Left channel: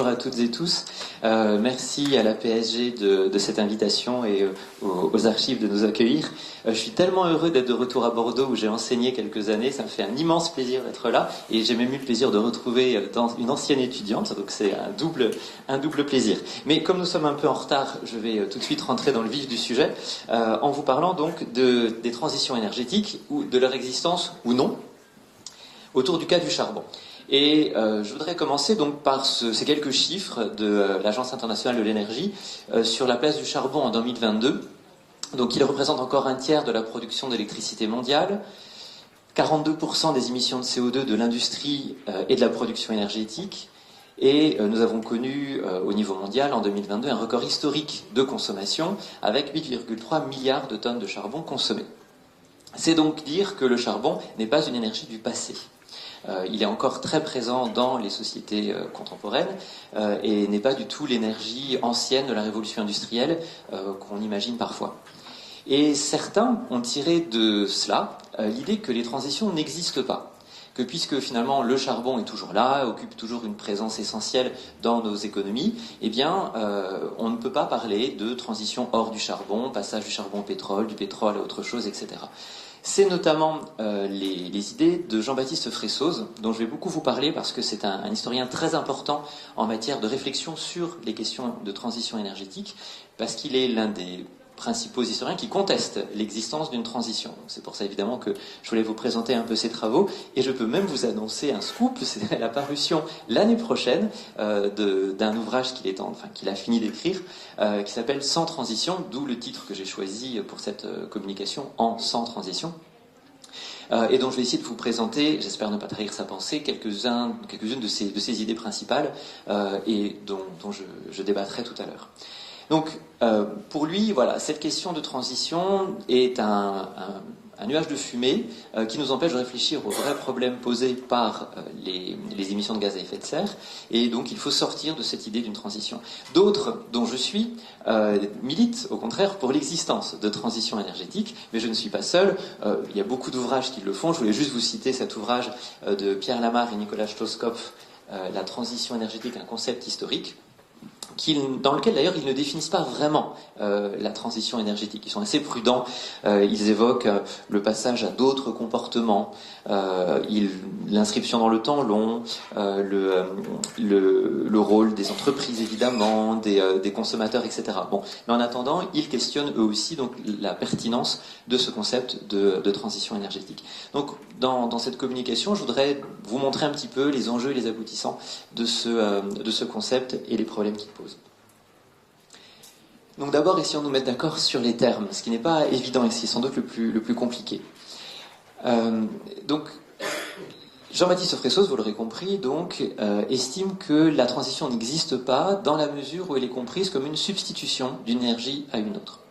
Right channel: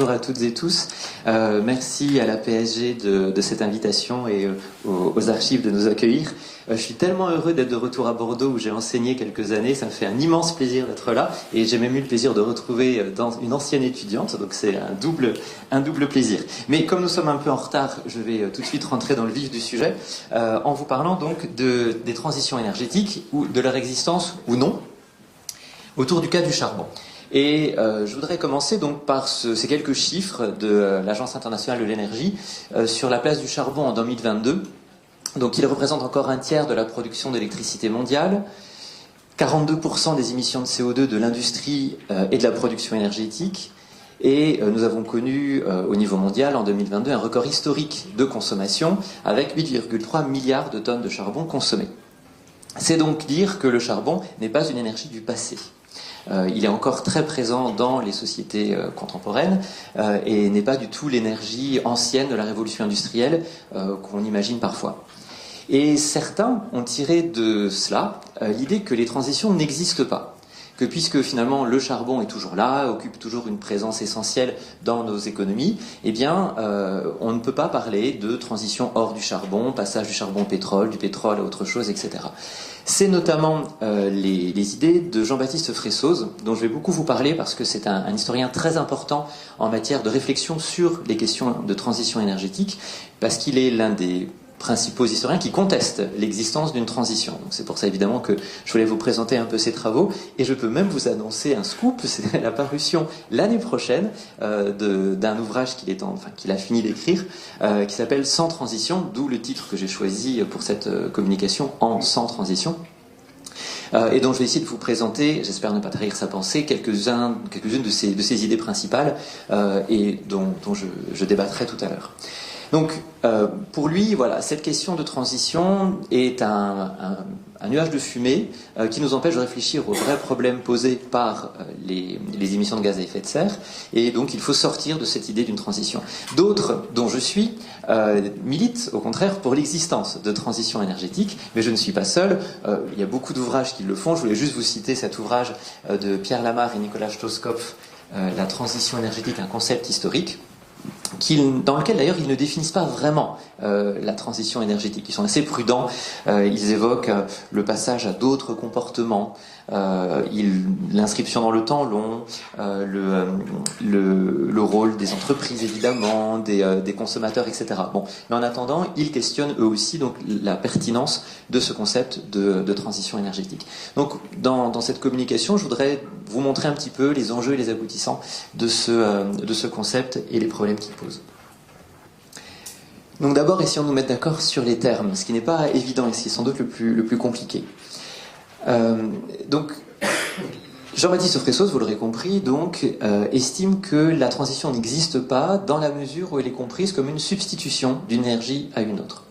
bonjour à toutes et tous. Merci à la PSG de cette invitation et aux archives de nous accueillir. Je suis tellement heureux d'être de retour à Bordeaux où j'ai enseigné quelques années. Ça me fait un immense plaisir d'être là et j'ai même eu le plaisir de retrouver une ancienne étudiante, donc c'est un double plaisir. Mais comme nous sommes un peu en retard, je vais tout de suite rentrer dans le vif du sujet en vous parlant donc des transitions énergétiques ou de leur existence ou non autour du cas du charbon. Et je voudrais commencer donc par ces quelques chiffres de l'Agence internationale de l'énergie sur la place du charbon en 2022. Donc il représente encore un tiers de la production d'électricité mondiale, 42% des émissions de CO2 de l'industrie et de la production énergétique. Et nous avons connu au niveau mondial en 2022 un record historique de consommation avec 8,3 milliards de tonnes de charbon consommées. C'est donc dire que le charbon n'est pas une énergie du passé. Il est encore très présent dans les sociétés contemporaines et n'est pas du tout l'énergie ancienne de la révolution industrielle qu'on imagine parfois. Et certains ont tiré de cela l'idée que les transitions n'existent pas, que puisque finalement le charbon est toujours là, occupe toujours une présence essentielle dans nos économies, eh bien on ne peut pas parler de transition hors du charbon, passage du charbon au pétrole, du pétrole à autre chose, etc. C'est notamment les idées de Jean-Baptiste Fressoz, dont je vais beaucoup vous parler parce que c'est un historien très important en matière de réflexion sur les questions de transition énergétique, parce qu'il est l'un des principaux historiens qui contestent l'existence d'une transition. C'est pour ça évidemment que je voulais vous présenter un peu ses travaux, et je peux même vous annoncer un scoop, c'est la parution l'année prochaine d'un ouvrage qu'il a fini d'écrire, qui s'appelle Sans transition, d'où le titre que j'ai choisi pour cette communication, en Sans transition. Et donc je vais essayer de vous présenter, j'espère ne pas trahir sa pensée, quelques-unes de ses idées principales et dont je débattrai tout à l'heure. Donc, pour lui, voilà, cette question de transition est un nuage de fumée qui nous empêche de réfléchir aux vrais problèmes posés par les émissions de gaz à effet de serre, et donc il faut sortir de cette idée d'une transition. D'autres, dont je suis, militent au contraire pour l'existence de transition énergétique, mais je ne suis pas seul. Il y a beaucoup d'ouvrages qui le font. Je voulais juste vous citer cet ouvrage de Pierre Lamarre et Nicolas Stoskopf, La transition énergétique, un concept historique, dans lequel d'ailleurs ils ne définissent pas vraiment la transition énergétique. Ils sont assez prudents, ils évoquent le passage à d'autres comportements, l'inscription dans le temps long, le rôle des entreprises évidemment, des consommateurs, etc. Bon, mais en attendant, ils questionnent eux aussi donc la pertinence de ce concept de transition énergétique. Donc dans cette communication, je voudrais vous montrer un petit peu les enjeux et les aboutissants de ce concept et les problèmes qu'il pose. Donc d'abord, essayons de nous mettre d'accord sur les termes, ce qui n'est pas évident ici, sans doute le plus compliqué. Donc, Jean-Baptiste Fressoz, vous l'aurez compris, donc, estime que la transition n'existe pas dans la mesure où elle est comprise comme une substitution d'une énergie à une autre.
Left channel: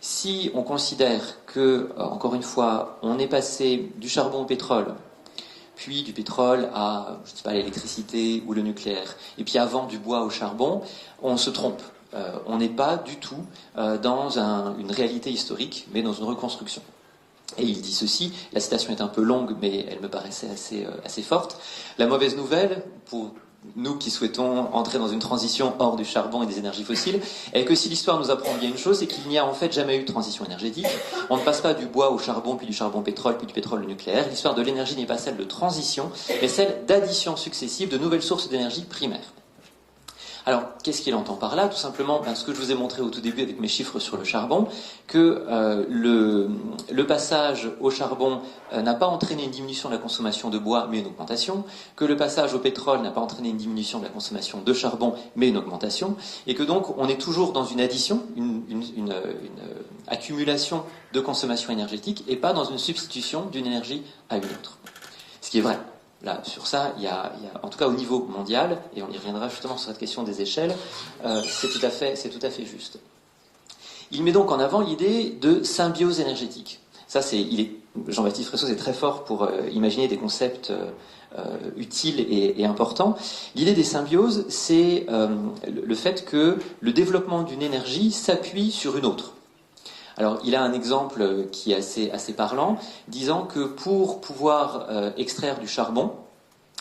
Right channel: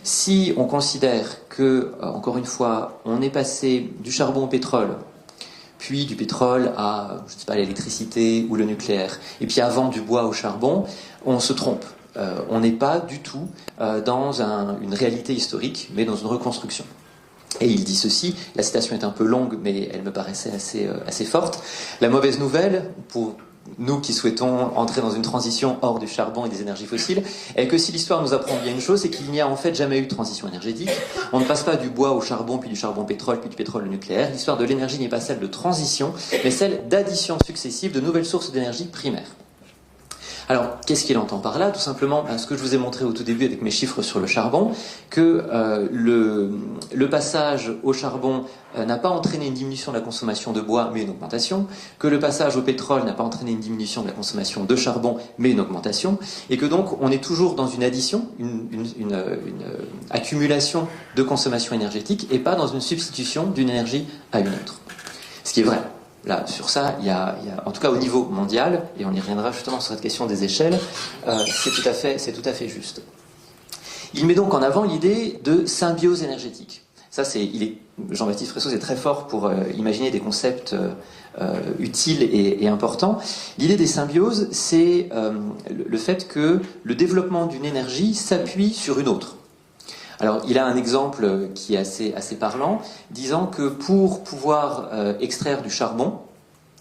Si on considère que, encore une fois, on est passé du charbon au pétrole, puis du pétrole à, je sais pas, l'électricité ou le nucléaire, et puis avant du bois au charbon, on se trompe. On n'est pas du tout dans une réalité historique, mais dans une reconstruction. Et il dit ceci, la citation est un peu longue, mais elle me paraissait assez forte. La mauvaise nouvelle, pour nous qui souhaitons entrer dans une transition hors du charbon et des énergies fossiles, est que si l'histoire nous apprend bien une chose, c'est qu'il n'y a en fait jamais eu de transition énergétique. On ne passe pas du bois au charbon, puis du charbon au pétrole, puis du pétrole au nucléaire. L'histoire de l'énergie n'est pas celle de transition, mais celle d'addition successive de nouvelles sources d'énergie primaires. Alors, qu'est-ce qu'il entend par là? Tout simplement, ce que je vous ai montré au tout début avec mes chiffres sur le charbon, que le passage au charbon n'a pas entraîné une diminution de la consommation de bois, mais une augmentation, que le passage au pétrole n'a pas entraîné une diminution de la consommation de charbon, mais une augmentation, et que donc on est toujours dans une addition, une accumulation de consommation énergétique, et pas dans une substitution d'une énergie à une autre. Ce qui est vrai. Là, sur ça, il y a, en tout cas au niveau mondial, et on y reviendra justement sur cette question des échelles, c'est tout à fait juste. Il met donc en avant l'idée de symbiose énergétique. Ça, Jean-Baptiste Fressoz est très fort pour imaginer des concepts utiles et importants. L'idée des symbioses, c'est le fait que le développement d'une énergie s'appuie sur une autre. Alors, il a un exemple qui est assez parlant, disant que pour pouvoir extraire du charbon,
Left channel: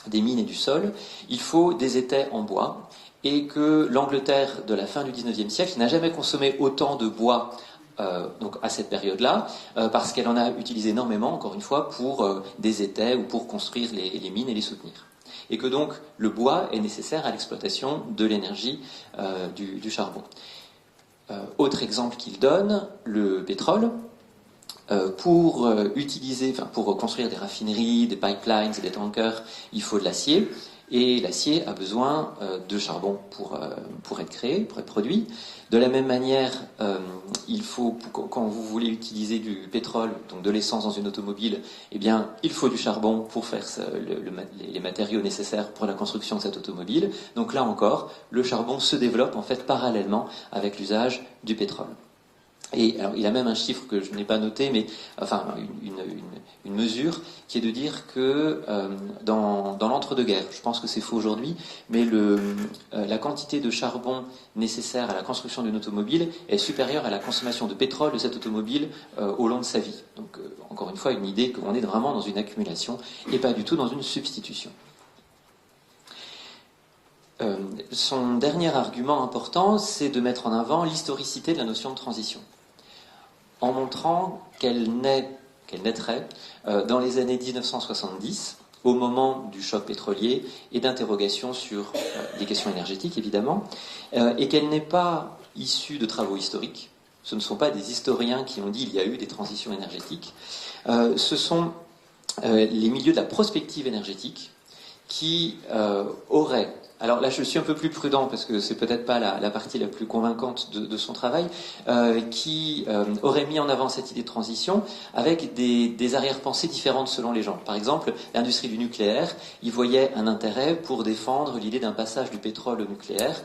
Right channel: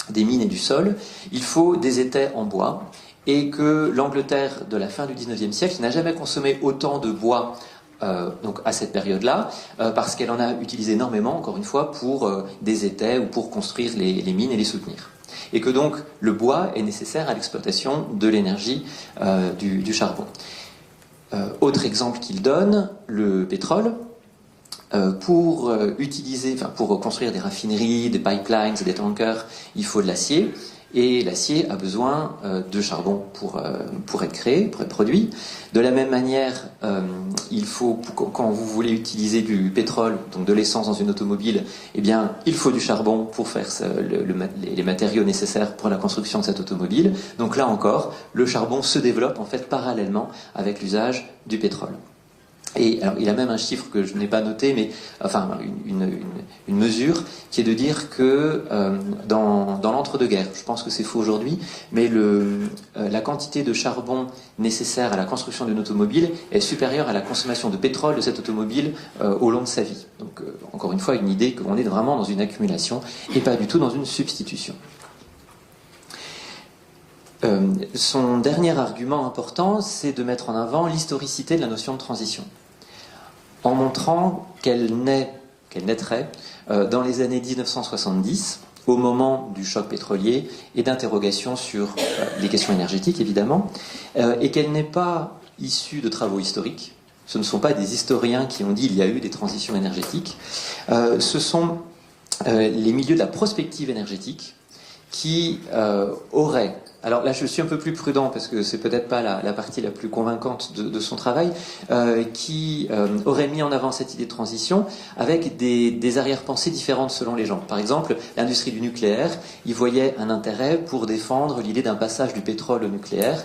des mines et du sol, il faut des étais en bois, et que l'Angleterre de la fin du XIXe siècle n'a jamais consommé autant de bois donc à cette période-là, parce qu'elle en a utilisé énormément, encore une fois, pour des étais ou pour construire les mines et les soutenir. Et que donc le bois est nécessaire à l'exploitation de l'énergie du charbon. Autre exemple qu'il donne, le pétrole. Pour construire des raffineries, des pipelines, des tankers, il faut de l'acier. Et l'acier a besoin de charbon pour être créé, pour être produit. De la même manière, il faut, quand vous voulez utiliser du pétrole, donc de l'essence dans une automobile, eh bien, il faut du charbon pour faire les matériaux nécessaires pour la construction de cette automobile. Donc là encore, le charbon se développe en fait parallèlement avec l'usage du pétrole. Et alors, il y a même un chiffre que je n'ai pas noté, mais enfin une mesure qui est de dire que dans l'entre-deux-guerres, je pense que c'est faux aujourd'hui, mais la quantité de charbon nécessaire à la construction d'une automobile est supérieure à la consommation de pétrole de cette automobile au long de sa vie. Donc encore une fois, une idée qu'on est vraiment dans une accumulation et pas du tout dans une substitution. Son dernier argument important, c'est de mettre en avant l'historicité de la notion de transition, en montrant qu'elle naîtrait dans les années 1970, au moment du choc pétrolier et d'interrogations sur les questions énergétiques, évidemment, et qu'elle n'est pas issue de travaux historiques. Ce ne sont pas des historiens qui ont dit qu'il y a eu des transitions énergétiques. Ce sont les milieux de la prospective énergétique qui auraient... Alors là, je suis un peu plus prudent parce que c'est peut-être pas la partie la plus convaincante de son travail, qui aurait mis en avant cette idée de transition avec des arrière-pensées différentes selon les gens. Par exemple, l'industrie du nucléaire, il voyait un intérêt pour défendre l'idée d'un passage du pétrole au nucléaire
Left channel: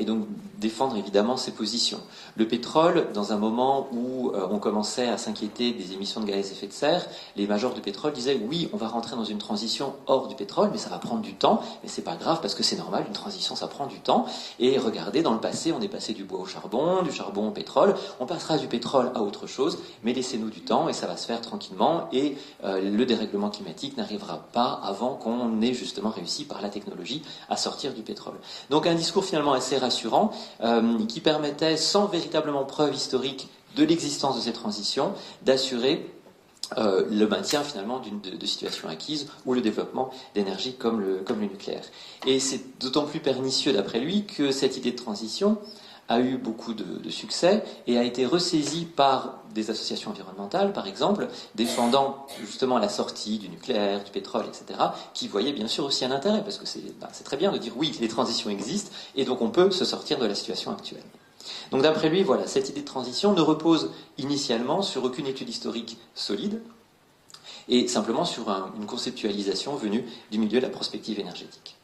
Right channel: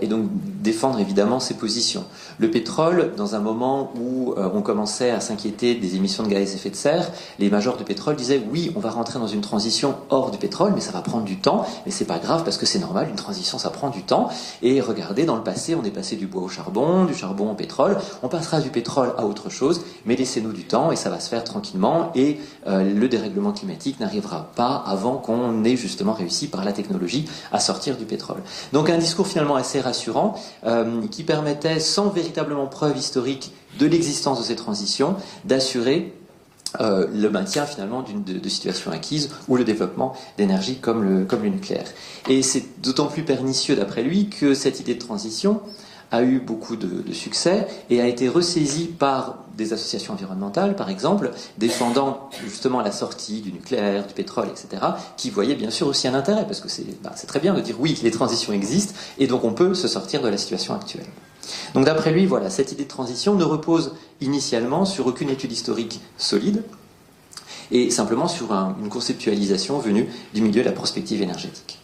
et donc défendre évidemment ses positions. Le pétrole, dans un moment où on commençait à s'inquiéter des émissions de gaz à effet de serre, les majors de pétrole disaient oui, on va rentrer dans une transition hors du pétrole, mais ça va prendre du temps et c'est pas grave parce que c'est normal, une transition ça prend du temps. Et regardez, dans le passé, on est passé du bois au charbon, du charbon au pétrole, on passera du pétrole à autre chose, mais laissez-nous du temps et ça va se faire tranquillement et le dérèglement climatique n'arrivera pas avant qu'on ait justement réussi par la technologie à sortir du pétrole. Donc un discours finalement assez rassurant qui permettait, sans véritablement preuve historique de l'existence de ces transitions, d'assurer le maintien finalement de situations acquises ou le développement d'énergie comme le nucléaire. Et c'est d'autant plus pernicieux d'après lui que cette idée de transition a eu beaucoup de succès et a été ressaisie par des associations environnementales, par exemple, défendant justement la sortie du nucléaire, du pétrole, etc., qui voyaient bien sûr aussi un intérêt, parce que c'est très bien de dire oui, les transitions existent, et donc on peut se sortir de la situation actuelle. Donc d'après lui, voilà, cette idée de transition ne repose initialement sur aucune étude historique solide, et simplement sur une conceptualisation venue du milieu de la prospective énergétique.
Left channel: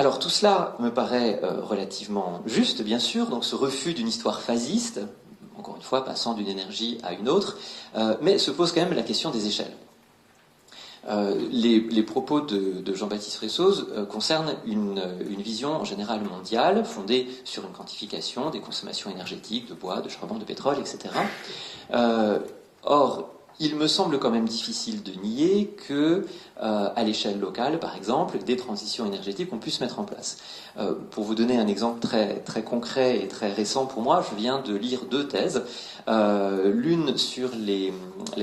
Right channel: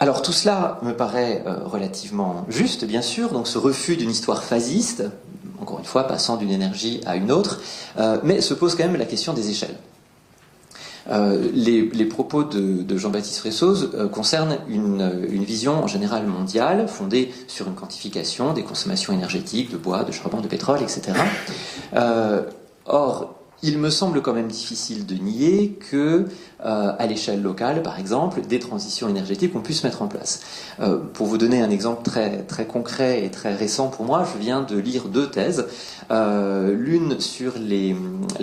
Alors tout cela me paraît relativement juste, bien sûr, donc ce refus d'une histoire phasiste, encore une fois passant d'une énergie à une autre, mais se pose quand même la question des échelles. Les propos de Jean-Baptiste Fressoz concernent une vision en général mondiale, fondée sur une quantification des consommations énergétiques, de bois, de charbon, de pétrole, etc. Or, il me semble quand même difficile de nier que, à l'échelle locale, par exemple, des transitions énergétiques ont pu se mettre en place. Pour vous donner un exemple très, très concret et très récent pour moi, je viens de lire 2 thèses. L'une sur les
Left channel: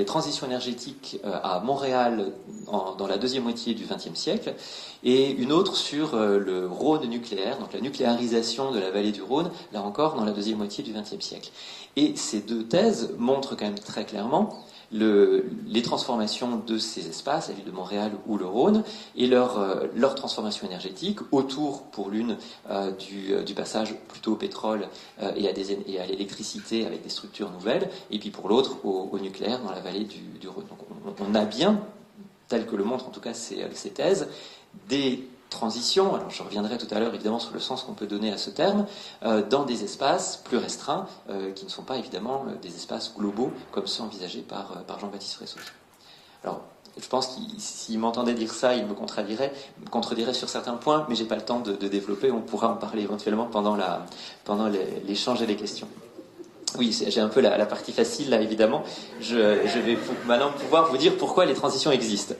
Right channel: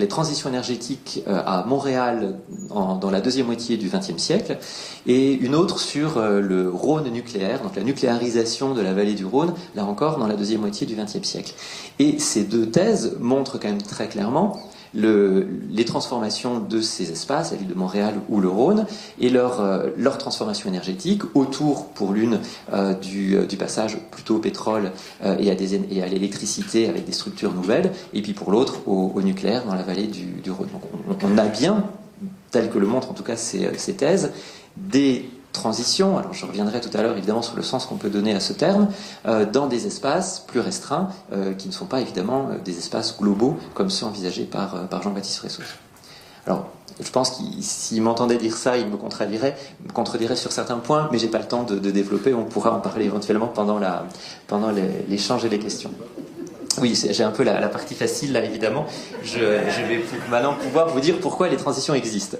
transitions énergétiques à Montréal dans la deuxième moitié du XXe siècle, et une autre sur le Rhône nucléaire, donc la nucléarisation de la vallée du Rhône, là encore dans la deuxième moitié du XXe siècle. Et ces 2 thèses montrent quand même très clairement les transformations de ces espaces, la ville de Montréal ou le Rhône, et leur transformation énergétique autour, pour l'une, du passage plutôt au pétrole et à l'électricité avec des structures nouvelles, et puis pour l'autre au nucléaire dans la vallée du Rhône. Donc on a bien, tel que le montrent en tout cas ces thèses, des transition, alors je reviendrai tout à l'heure évidemment sur le sens qu'on peut donner à ce terme, dans des espaces plus restreints qui ne sont pas évidemment des espaces globaux comme ceux envisagés par Jean-Baptiste Fressoz. Alors, je pense qu'il s'il m'entendait dire ça, il me contredirait sur certains points, mais j'ai pas le temps de développer, on pourra en parler éventuellement pendant l'échange et les questions. Oui, j'ai un peu la partie facile là, évidemment. Je vais maintenant pouvoir vous dire pourquoi les transitions existent.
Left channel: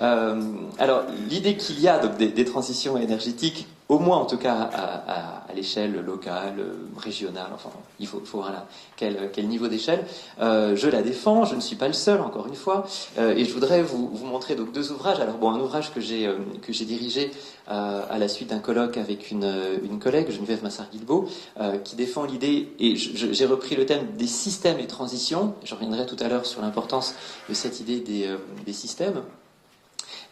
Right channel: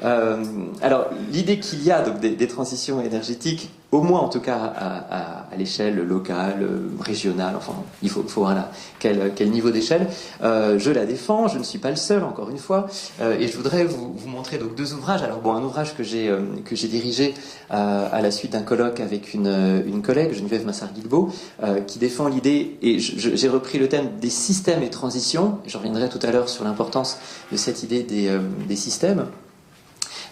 Alors, l'idée qu'il y a donc, des transitions énergétiques, au moins en tout cas à l'échelle locale, régionale, enfin, il faut voir quel niveau d'échelle, je la défends, je ne suis pas le seul, encore une fois, et je voudrais vous montrer donc, deux ouvrages. Alors bon, un ouvrage que j'ai dirigé à la suite d'un colloque avec une collègue, Geneviève Massard-Guilbault, qui défend l'idée, et j'ai repris le thème des systèmes et transitions, je reviendrai tout à l'heure sur l'importance de cette idée des systèmes.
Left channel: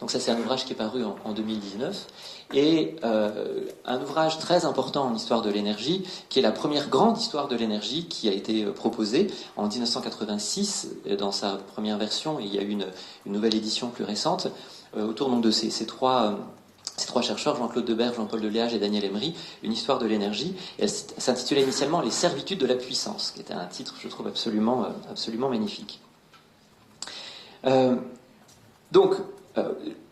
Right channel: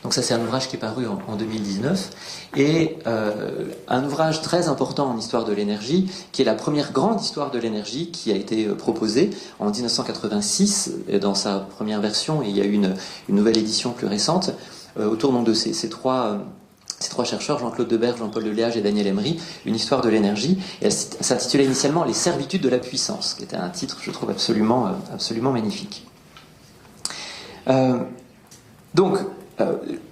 Donc ça c'est un ouvrage qui est paru en 2019 et un ouvrage très important en histoire de l'énergie qui est la première grande histoire de l'énergie qui a été proposée en 1986 dans sa première version et il y a eu une nouvelle édition plus récente autour de ces trois chercheurs, Jean-Claude Deberge, Jean-Paul Deliage et Daniel Emery, une histoire de l'énergie. Elle s'intitulait initialement Les servitudes de la puissance, qui était un titre je trouve absolument magnifique.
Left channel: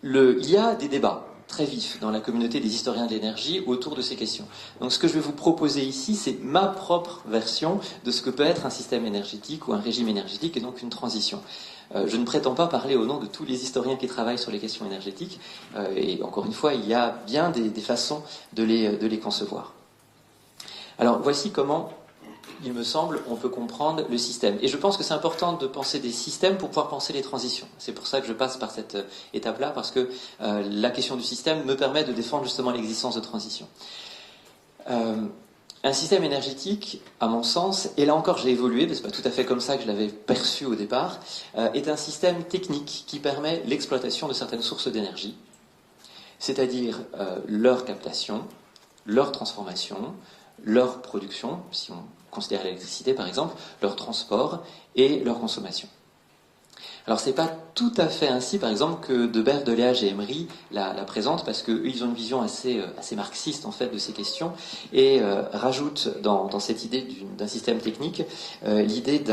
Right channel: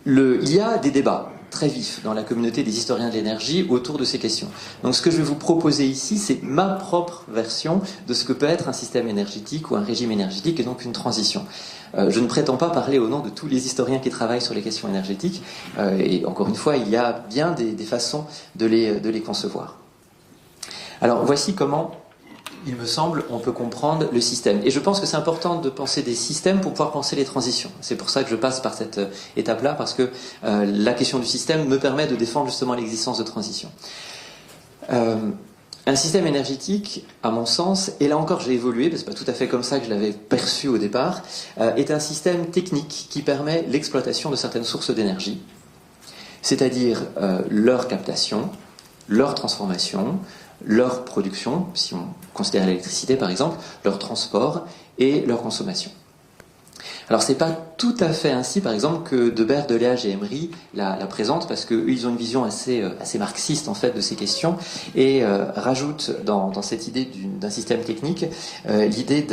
Il y a des débats très vifs dans la communauté des historiens de l'énergie autour de ces questions. Donc ce que je vais vous proposer ici, c'est ma propre version de ce que peut être un système énergétique ou un régime énergétique et donc une transition. Je ne prétends pas parler au nom de tous les historiens qui travaillent sur les questions énergétiques et encore une fois, il y a bien des façons de les concevoir. Alors voici comment il me semble, on peut comprendre le système. Et je pense que c'est important de penser des systèmes pour pouvoir penser les transitions. C'est pour ça que je passe par cette étape-là, parce que la question du système me permet de défendre justement l'existence de transitions. Un système énergétique, à mon sens, et là encore je l'ai évolué, mais c'est pas tout à fait comme ça que je l'avais perçu au départ, est un système technique qui permet l'exploitation de certaines sources d'énergie, c'est-à-dire leur captation, leur transformation, leur production, si on considère l'électricité par exemple, leur transport et leur consommation. Alors c'est pas tout à fait ainsi par exemple que Deberge, Deliage et Emery la présentent parce qu'ils ont une vision assez marxiste en fait de ces questions et rajoutent dans cette idée d'un système technique l'idée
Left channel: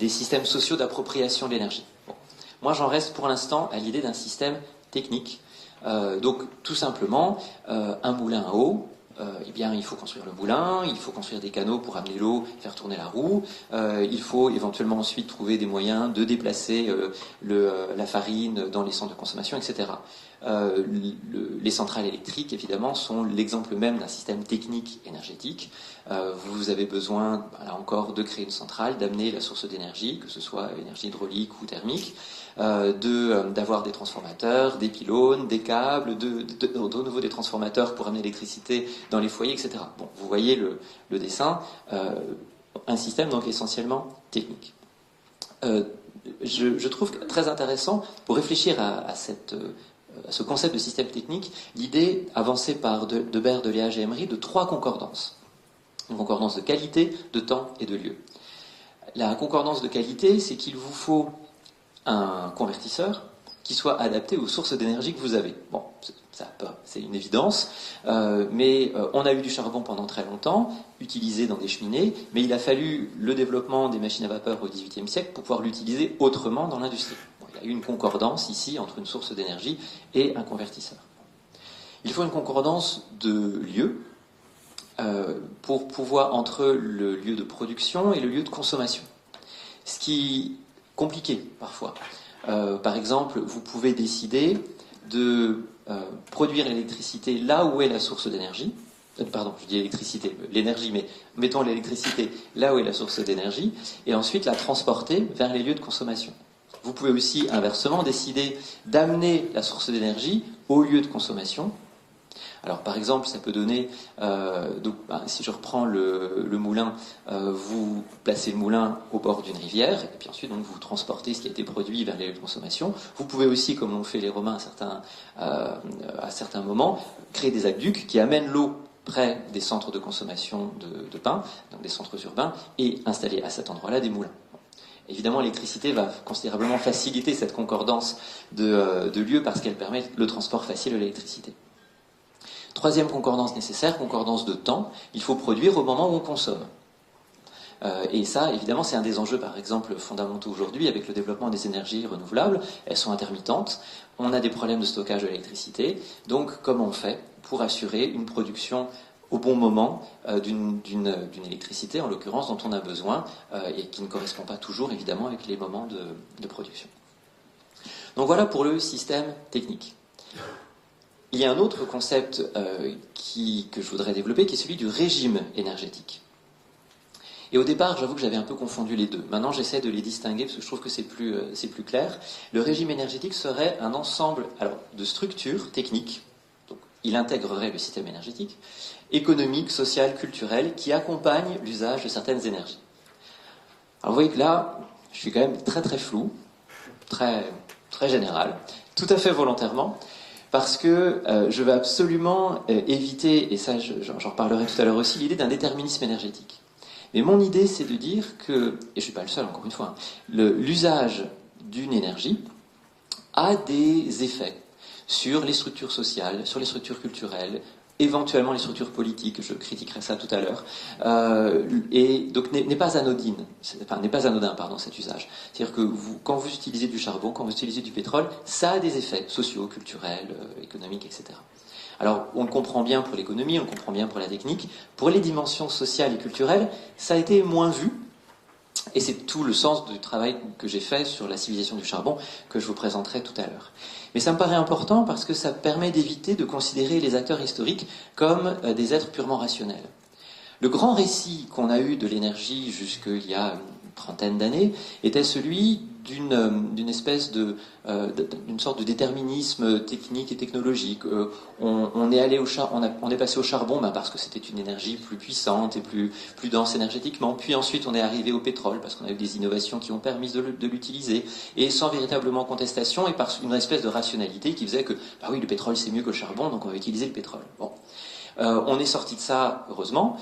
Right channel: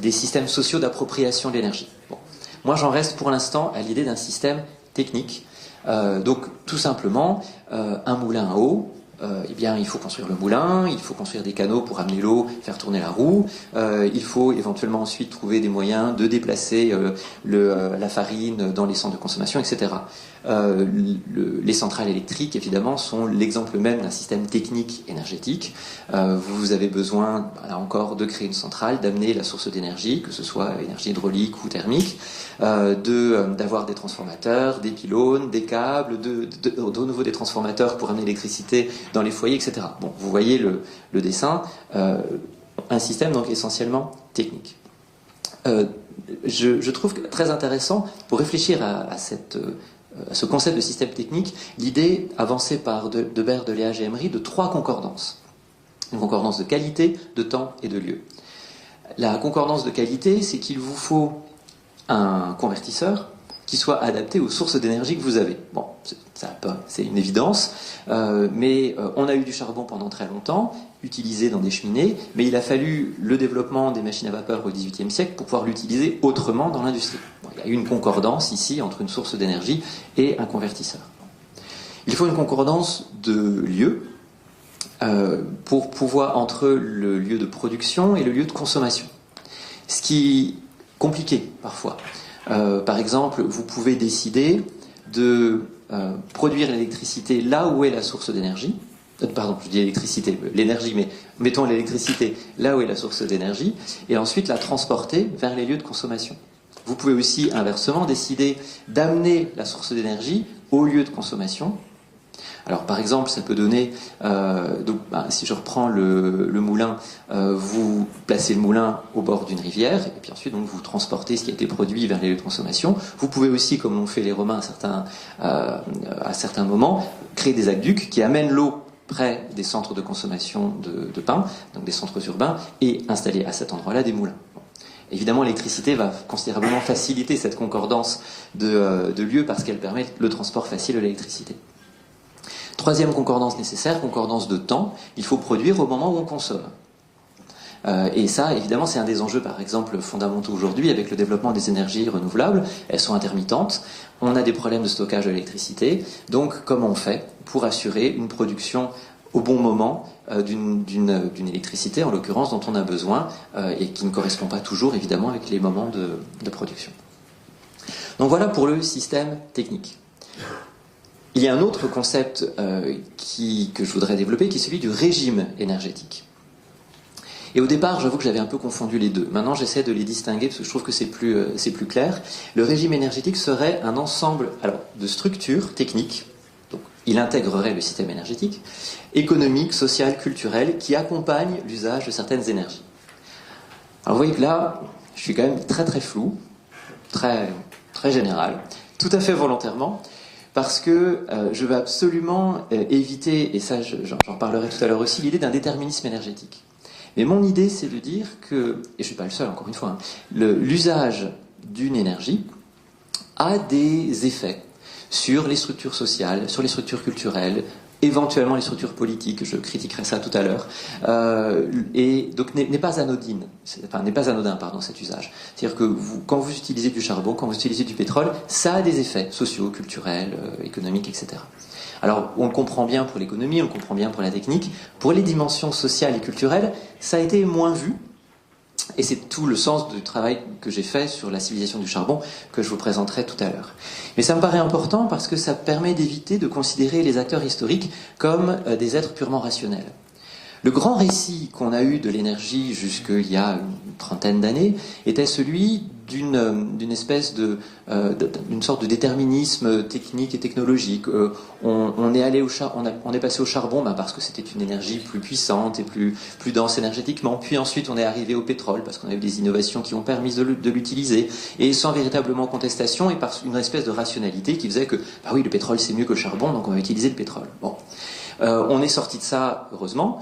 des systèmes sociaux d'appropriation de l'énergie. Bon. Moi j'en reste pour l'instant à l'idée d'un système technique. Donc tout simplement un moulin à eau. Eh bien, il faut construire le moulin, il faut construire des canaux pour amener l'eau, faire tourner la roue. Il faut éventuellement ensuite trouver des moyens de déplacer la farine dans les centres de consommation, etc. Les centrales électriques, évidemment, sont l'exemple même d'un système technique énergétique. Vous avez besoin, là encore, de créer une centrale, d'amener la source d'énergie, que ce soit énergie hydraulique ou thermique, d'avoir des transformateurs, des pylônes, des câbles, de nouveau des transformateurs pour amener l'électricité dans les foyers, etc. Bon, vous voyez le dessin, un système donc essentiellement technique. Je trouve très intéressant, pour réfléchir à ce concept de système technique, l'idée avancée par Deberge, Deliage et Emery de trois concordances. Une concordance de qualité, de temps et de lieu. La concordance de qualité, c'est qu'il vous faut un convertisseur qui soit adapté aux sources d'énergie que vous avez. Bon, c'est une évidence, mais on a eu du charbon pendant très longtemps, utilisé dans des cheminées, mais il a fallu le développement des machines à vapeur au XVIIIe siècle pour pouvoir l'utiliser autrement dans l'industrie. Il y a eu une concordance ici entre une source d'énergie et un convertisseur. Il faut une concordance de lieu pour pouvoir entre le lieu de production et le lieu de consommation. Ce qui est compliqué parfois. Par exemple, vous pouvez décider de produire l'électricité là où est la source d'énergie. Pardon, je dis l'électricité, l'énergie, mais mettons l'électricité là où est la source d'énergie, et ensuite la transporter vers les lieux de consommation. Vous pouvez aussi, inversement, décider d'amener la source d'énergie au lieu de consommation. Alors par exemple, ça peut donner, si je reprends le moulin, vous placez le moulin au bord d'une rivière, et puis ensuite donc, vous transportez ce qui a été produit vers les lieux de consommation. Vous pouvez aussi, comme ont fait les Romains à certains moments, créer des aqueducs qui amènent l'eau près des centres de consommation de pain, donc des centres urbains, et installer à cet endroit-là des moulins. Évidemment, l'électricité va considérablement faciliter cette concordance de lieu parce qu'elle permet le transport facile de l'électricité. Troisième concordance nécessaire, concordance de temps. Il faut produire au moment où on consomme. Et ça, évidemment, c'est un des enjeux, par exemple, fondamentaux aujourd'hui avec le développement des énergies renouvelables. Elles sont intermittentes. On a des problèmes de stockage de l'électricité. Donc, comment on fait pour assurer une production au bon moment d'une électricité, en l'occurrence, dont on a besoin, et qui ne correspond pas toujours, évidemment, avec les moments de production. Donc voilà pour le système technique. Il y a un autre concept que je voudrais développer, qui est celui du régime énergétique. Et au départ, j'avoue que j'avais un peu confondu les deux. Maintenant, j'essaie de les distinguer parce que je trouve que c'est plus clair. Le régime énergétique serait un ensemble de structures techniques. Donc, il intégrerait le système énergétique, économique, social, culturel, qui accompagnent l'usage de certaines énergies. Alors vous voyez que là, je suis quand même très très flou, très général, tout à fait volontairement, parce que je veux absolument éviter, et ça j'en parlerai tout à l'heure aussi, l'idée d'un déterminisme énergétique. Mais mon idée, c'est de dire que, et je ne suis pas le seul, encore une fois, l'usage d'une énergie a des effets sur les structures sociales, sur les structures culturelles, éventuellement les structures politiques, je critiquerai ça tout à l'heure, et donc n'est pas anodine, n'est pas anodin, cet usage. C'est-à-dire que quand vous utilisez du charbon, quand vous utilisez du pétrole, ça a des effets sociaux, culturels, économiques, etc. Alors, on le comprend bien pour l'économie, on le comprend bien pour la technique. Pour les dimensions sociales et culturelles, ça a été moins vu. Et c'est tout le sens du travail que j'ai fait sur la civilisation du charbon, que je vous présenterai tout à l'heure. Mais ça me paraît important parce que ça permet d'éviter de considérer les acteurs historiques comme des êtres purement rationnels. Le grand récit qu'on a eu de l'énergie jusqu'il y a une trentaine d'années était celui d'une espèce d'une sorte de déterminisme technique et technologique. On est passé au charbon parce que c'était une énergie plus puissante et plus dense énergétiquement. Puis ensuite, on est arrivé au pétrole parce qu'on a eu des innovations qui ont permis de l'utiliser, et sans véritablement contestation, et par une espèce de rationalité qui faisait que ah oui, le pétrole c'est mieux que le charbon, donc on va utiliser le pétrole. Bon, on est sorti de ça heureusement.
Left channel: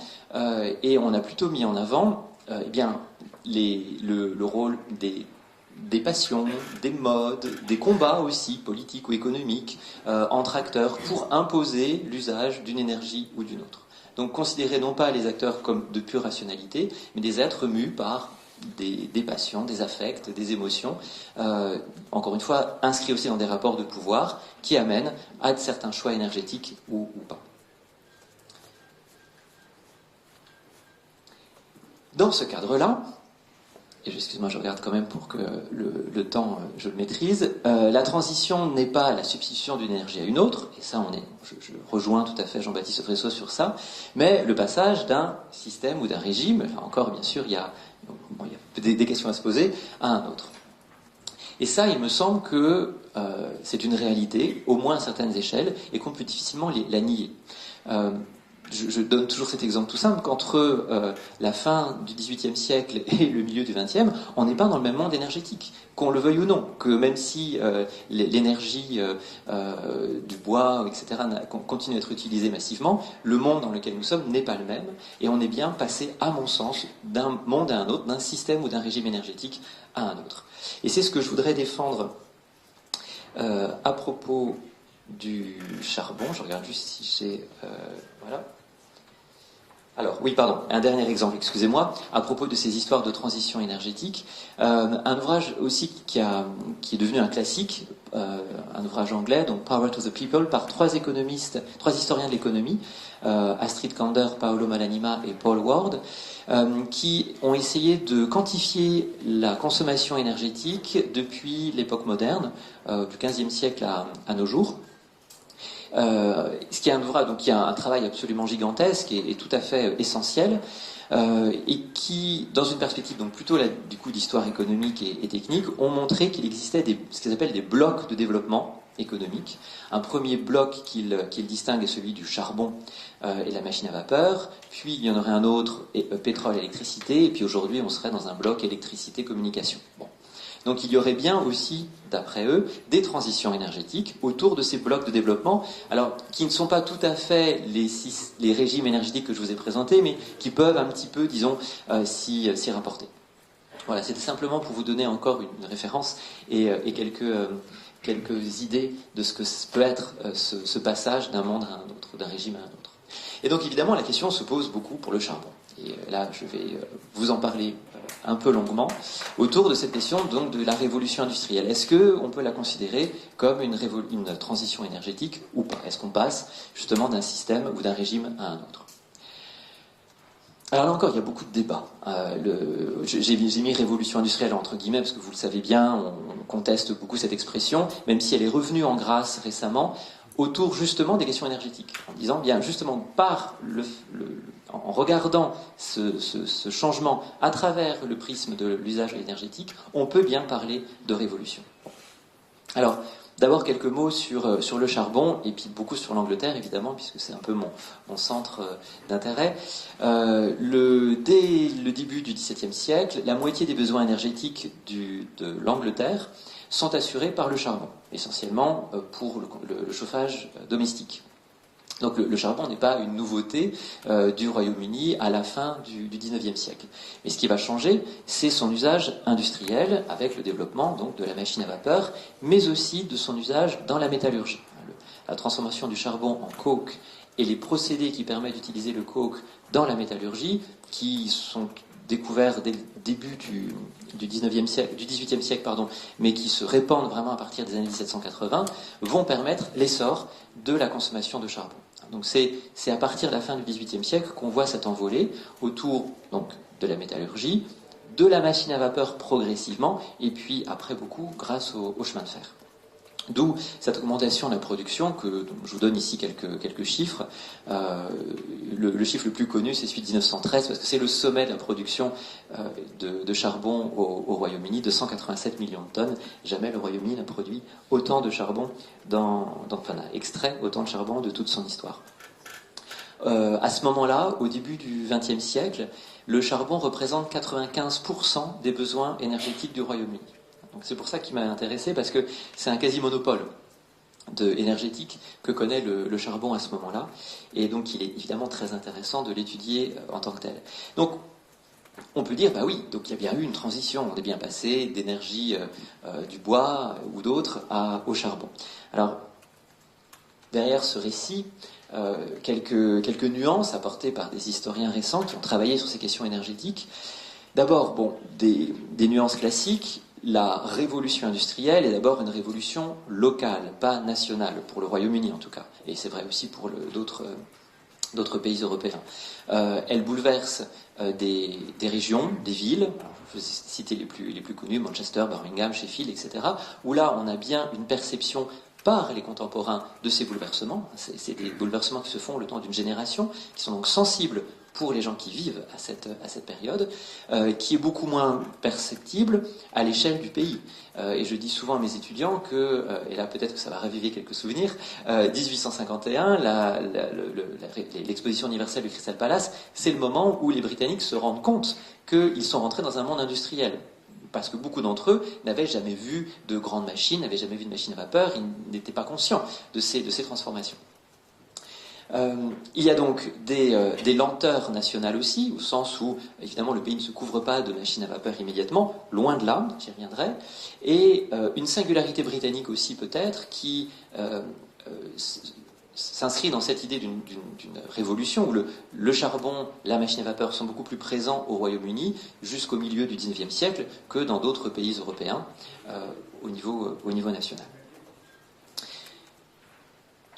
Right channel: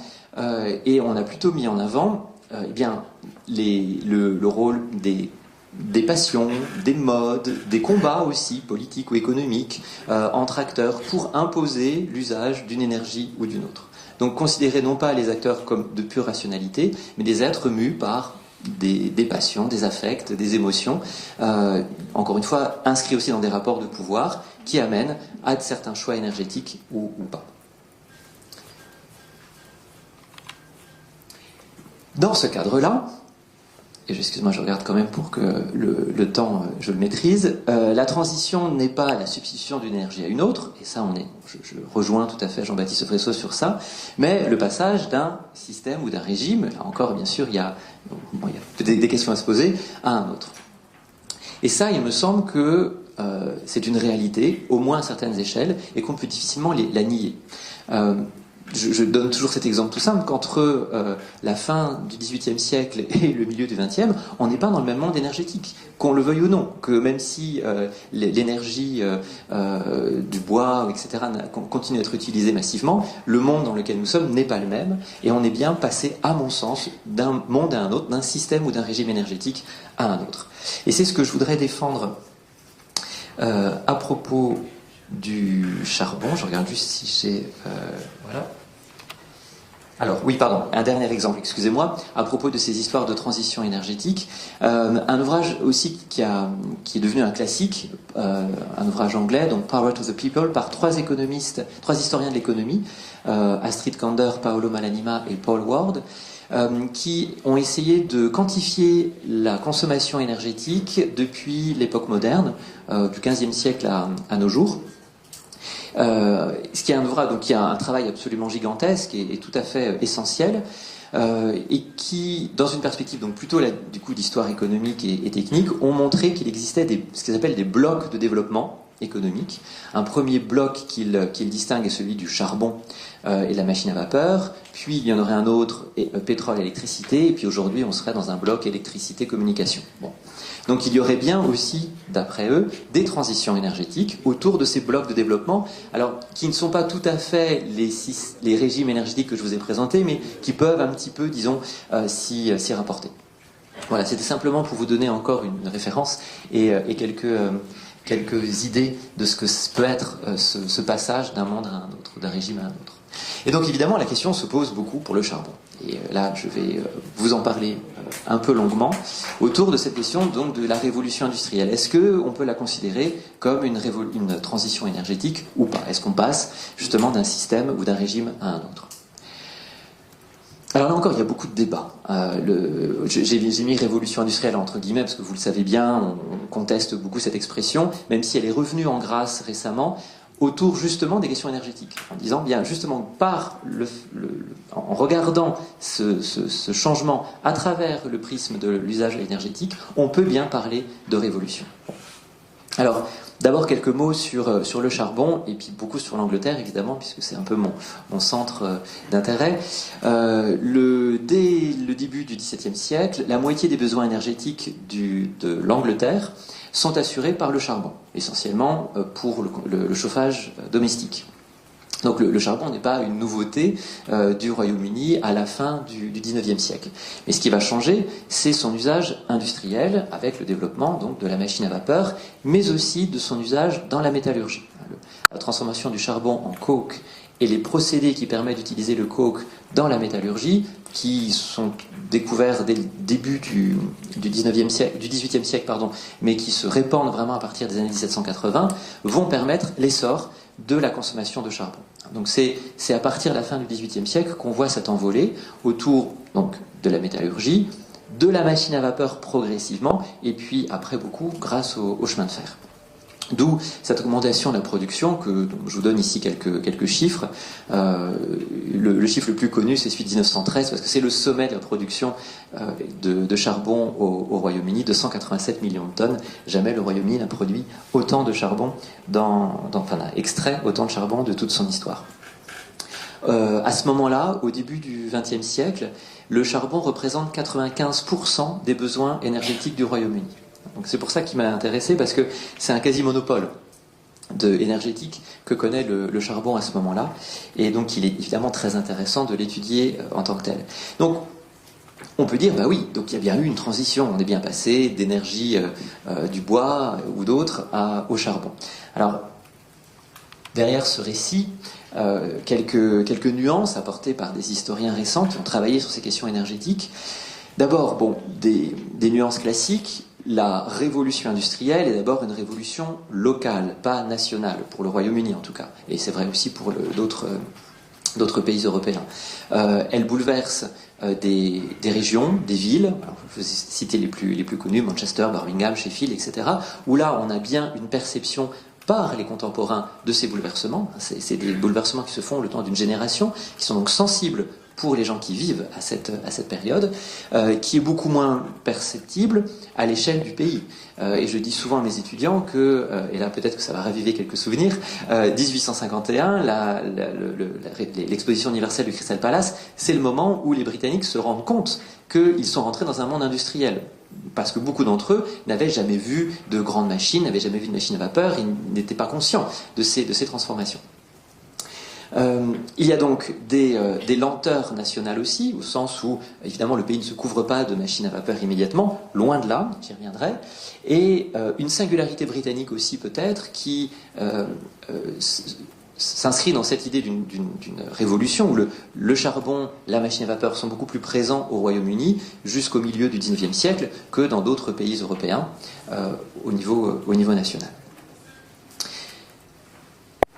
Et on a plutôt mis en avant le rôle des passions, des modes, des combats aussi, politiques ou économiques, entre acteurs pour imposer l'usage d'une énergie ou d'une autre. Donc considérez non pas les acteurs comme de pure rationalité, mais des êtres mus par des passions, des affects, des émotions, encore une fois inscrits aussi dans des rapports de pouvoir qui amènent à certains choix énergétiques ou pas. Dans ce cadre-là, et excusez-moi, je regarde quand même pour que le temps, je le maîtrise, la transition n'est pas la substitution d'une énergie à une autre, et ça, je rejoins tout à fait Jean-Baptiste Fresso sur ça, mais le passage d'un système ou d'un régime, là encore, bien sûr, il y a des questions à se poser, à un autre. Et ça, il me semble que c'est une réalité, au moins à certaines échelles, et qu'on peut difficilement la nier. Je donne toujours cet exemple tout simple qu'entre la fin du XVIIIe siècle et le milieu du XXe, on n'est pas dans le même monde énergétique, qu'on le veuille ou non, que même si l'énergie du bois, etc., continue d'être utilisée massivement, le monde dans lequel nous sommes n'est pas le même, et on est bien passé, à mon sens, d'un monde à un autre, d'un système ou d'un régime énergétique à un autre. Et c'est ce que je voudrais défendre à propos du charbon. Je regarde juste si j'ai... voilà. Alors, oui, pardon, un dernier exemple, excusez-moi, à propos de ces histoires de transition énergétique. Un ouvrage aussi qui est devenu un classique, un ouvrage anglais, donc Power to the People, par trois historiens de l'économie, Astrid Kander, Paolo Malanima et Paul Ward, qui ont essayé de quantifier la consommation énergétique depuis l'époque moderne, du XVe siècle à nos jours. Ce qui est un ouvrage, donc il y a un travail absolument gigantesque et tout à fait essentiel, et qui, dans une perspective donc plutôt du coup d'histoire économique et technique, ont montré qu'il existait ce qu'ils appellent des blocs de développement économique. Un premier bloc qu'il distingue est celui du charbon et de la machine à vapeur, puis il y en aurait un autre, pétrole, électricité, et puis aujourd'hui on serait dans un bloc électricité, communication. Bon. Donc il y aurait bien aussi, d'après eux, des transitions énergétiques autour de ces blocs de développement, alors qui ne sont pas tout à fait les régimes énergétiques que je vous ai présentés, mais qui peuvent un petit peu, disons, s'y rapporter. Voilà, c'était simplement pour vous donner encore une référence et quelques idées de ce que peut être ce passage d'un monde à un autre, d'un régime à un autre. Et donc évidemment la question se pose beaucoup pour le charbon. Et là je vais vous en parler un peu longuement, autour de cette question donc, de la révolution industrielle. Est-ce qu'on peut la considérer comme une transition énergétique ou pas? Est-ce qu'on passe justement d'un système ou d'un régime à un autre? Alors là encore, il y a beaucoup de débats. J'ai mis révolution industrielle entre guillemets, parce que vous le savez bien, on conteste beaucoup cette expression, même si elle est revenue en grâce récemment, autour justement des questions énergétiques, en disant bien justement en regardant ce changement à travers le prisme de l'usage énergétique, on peut bien parler de révolution. Alors, d'abord quelques mots sur le charbon, et puis beaucoup sur l'Angleterre, évidemment, puisque c'est un peu mon centre d'intérêt. Dès le début du XVIIe siècle, la moitié des besoins énergétiques de l'Angleterre sont assurés par le charbon, essentiellement pour le chauffage domestique. Donc le charbon n'est pas une nouveauté du Royaume-Uni à la fin du XIXe siècle. Et ce qui va changer, c'est son usage industriel avec le développement donc, de la machine à vapeur, mais aussi de son usage dans la métallurgie. La transformation du charbon en coke et les procédés qui permettent d'utiliser le coke dans la métallurgie, qui sont découverts dès le début du XVIIe siècle, mais qui se répandent vraiment à partir des années 1780, vont permettre l'essor de la consommation de charbon. Donc c'est à partir de la fin du XVIIIe siècle qu'on voit cette envolée autour donc, de la métallurgie, de la machine à vapeur progressivement, et puis après beaucoup grâce au chemin de fer. D'où cette augmentation de la production, donc je vous donne ici quelques chiffres. Le chiffre le plus connu, c'est celui de 1913, parce que c'est le sommet de la production de charbon au Royaume-Uni, de 187 millions de tonnes. Jamais le Royaume-Uni n'a produit autant de charbon, n'a extrait autant de charbon de toute son histoire. À ce moment-là, au début du XXe siècle, le charbon représente 95% des besoins énergétiques du Royaume-Uni. Donc c'est pour ça qu'il m'a intéressé, parce que c'est un quasi-monopole énergétique que connaît le charbon à ce moment-là. Et donc il est évidemment très intéressant de l'étudier en tant que tel. Donc on peut dire, bah oui, donc il y a bien eu une transition, on est bien passé d'énergie du bois ou d'autres au charbon. Alors, derrière ce récit, quelques nuances apportées par des historiens récents qui ont travaillé sur ces questions énergétiques. D'abord, bon, des nuances classiques. La révolution industrielle est d'abord une révolution locale, pas nationale, pour le Royaume-Uni en tout cas. Et c'est vrai aussi pour d'autres pays européens. Elle bouleverse des régions, des villes, alors, je vais citer les plus connus, Manchester, Birmingham, Sheffield, etc., où là on a bien une perception par les contemporains de ces bouleversements. C'est des bouleversements qui se font le temps d'une génération, qui sont donc sensibles pour les gens qui vivent à cette période, qui est beaucoup moins perceptible à l'échelle du pays. Et je dis souvent à mes étudiants que, et là peut-être que ça va raviver quelques souvenirs, 1851, l'exposition universelle du Crystal Palace, c'est le moment où les Britanniques se rendent compte qu'ils sont rentrés dans un monde industriel. Parce que beaucoup d'entre eux n'avaient jamais vu de grandes machines, n'avaient jamais vu de machines à vapeur, ils n'étaient pas conscients de ces transformations. Il y a donc des lenteurs nationales aussi, au sens où, évidemment, le pays ne se couvre pas de machines à vapeur immédiatement, loin de là, j'y reviendrai, et une singularité britannique aussi peut-être, qui s'inscrit dans cette idée d'une révolution où le charbon, la machine à vapeur sont beaucoup plus présents au Royaume-Uni jusqu'au milieu du XIXe siècle que dans d'autres pays européens au niveau national.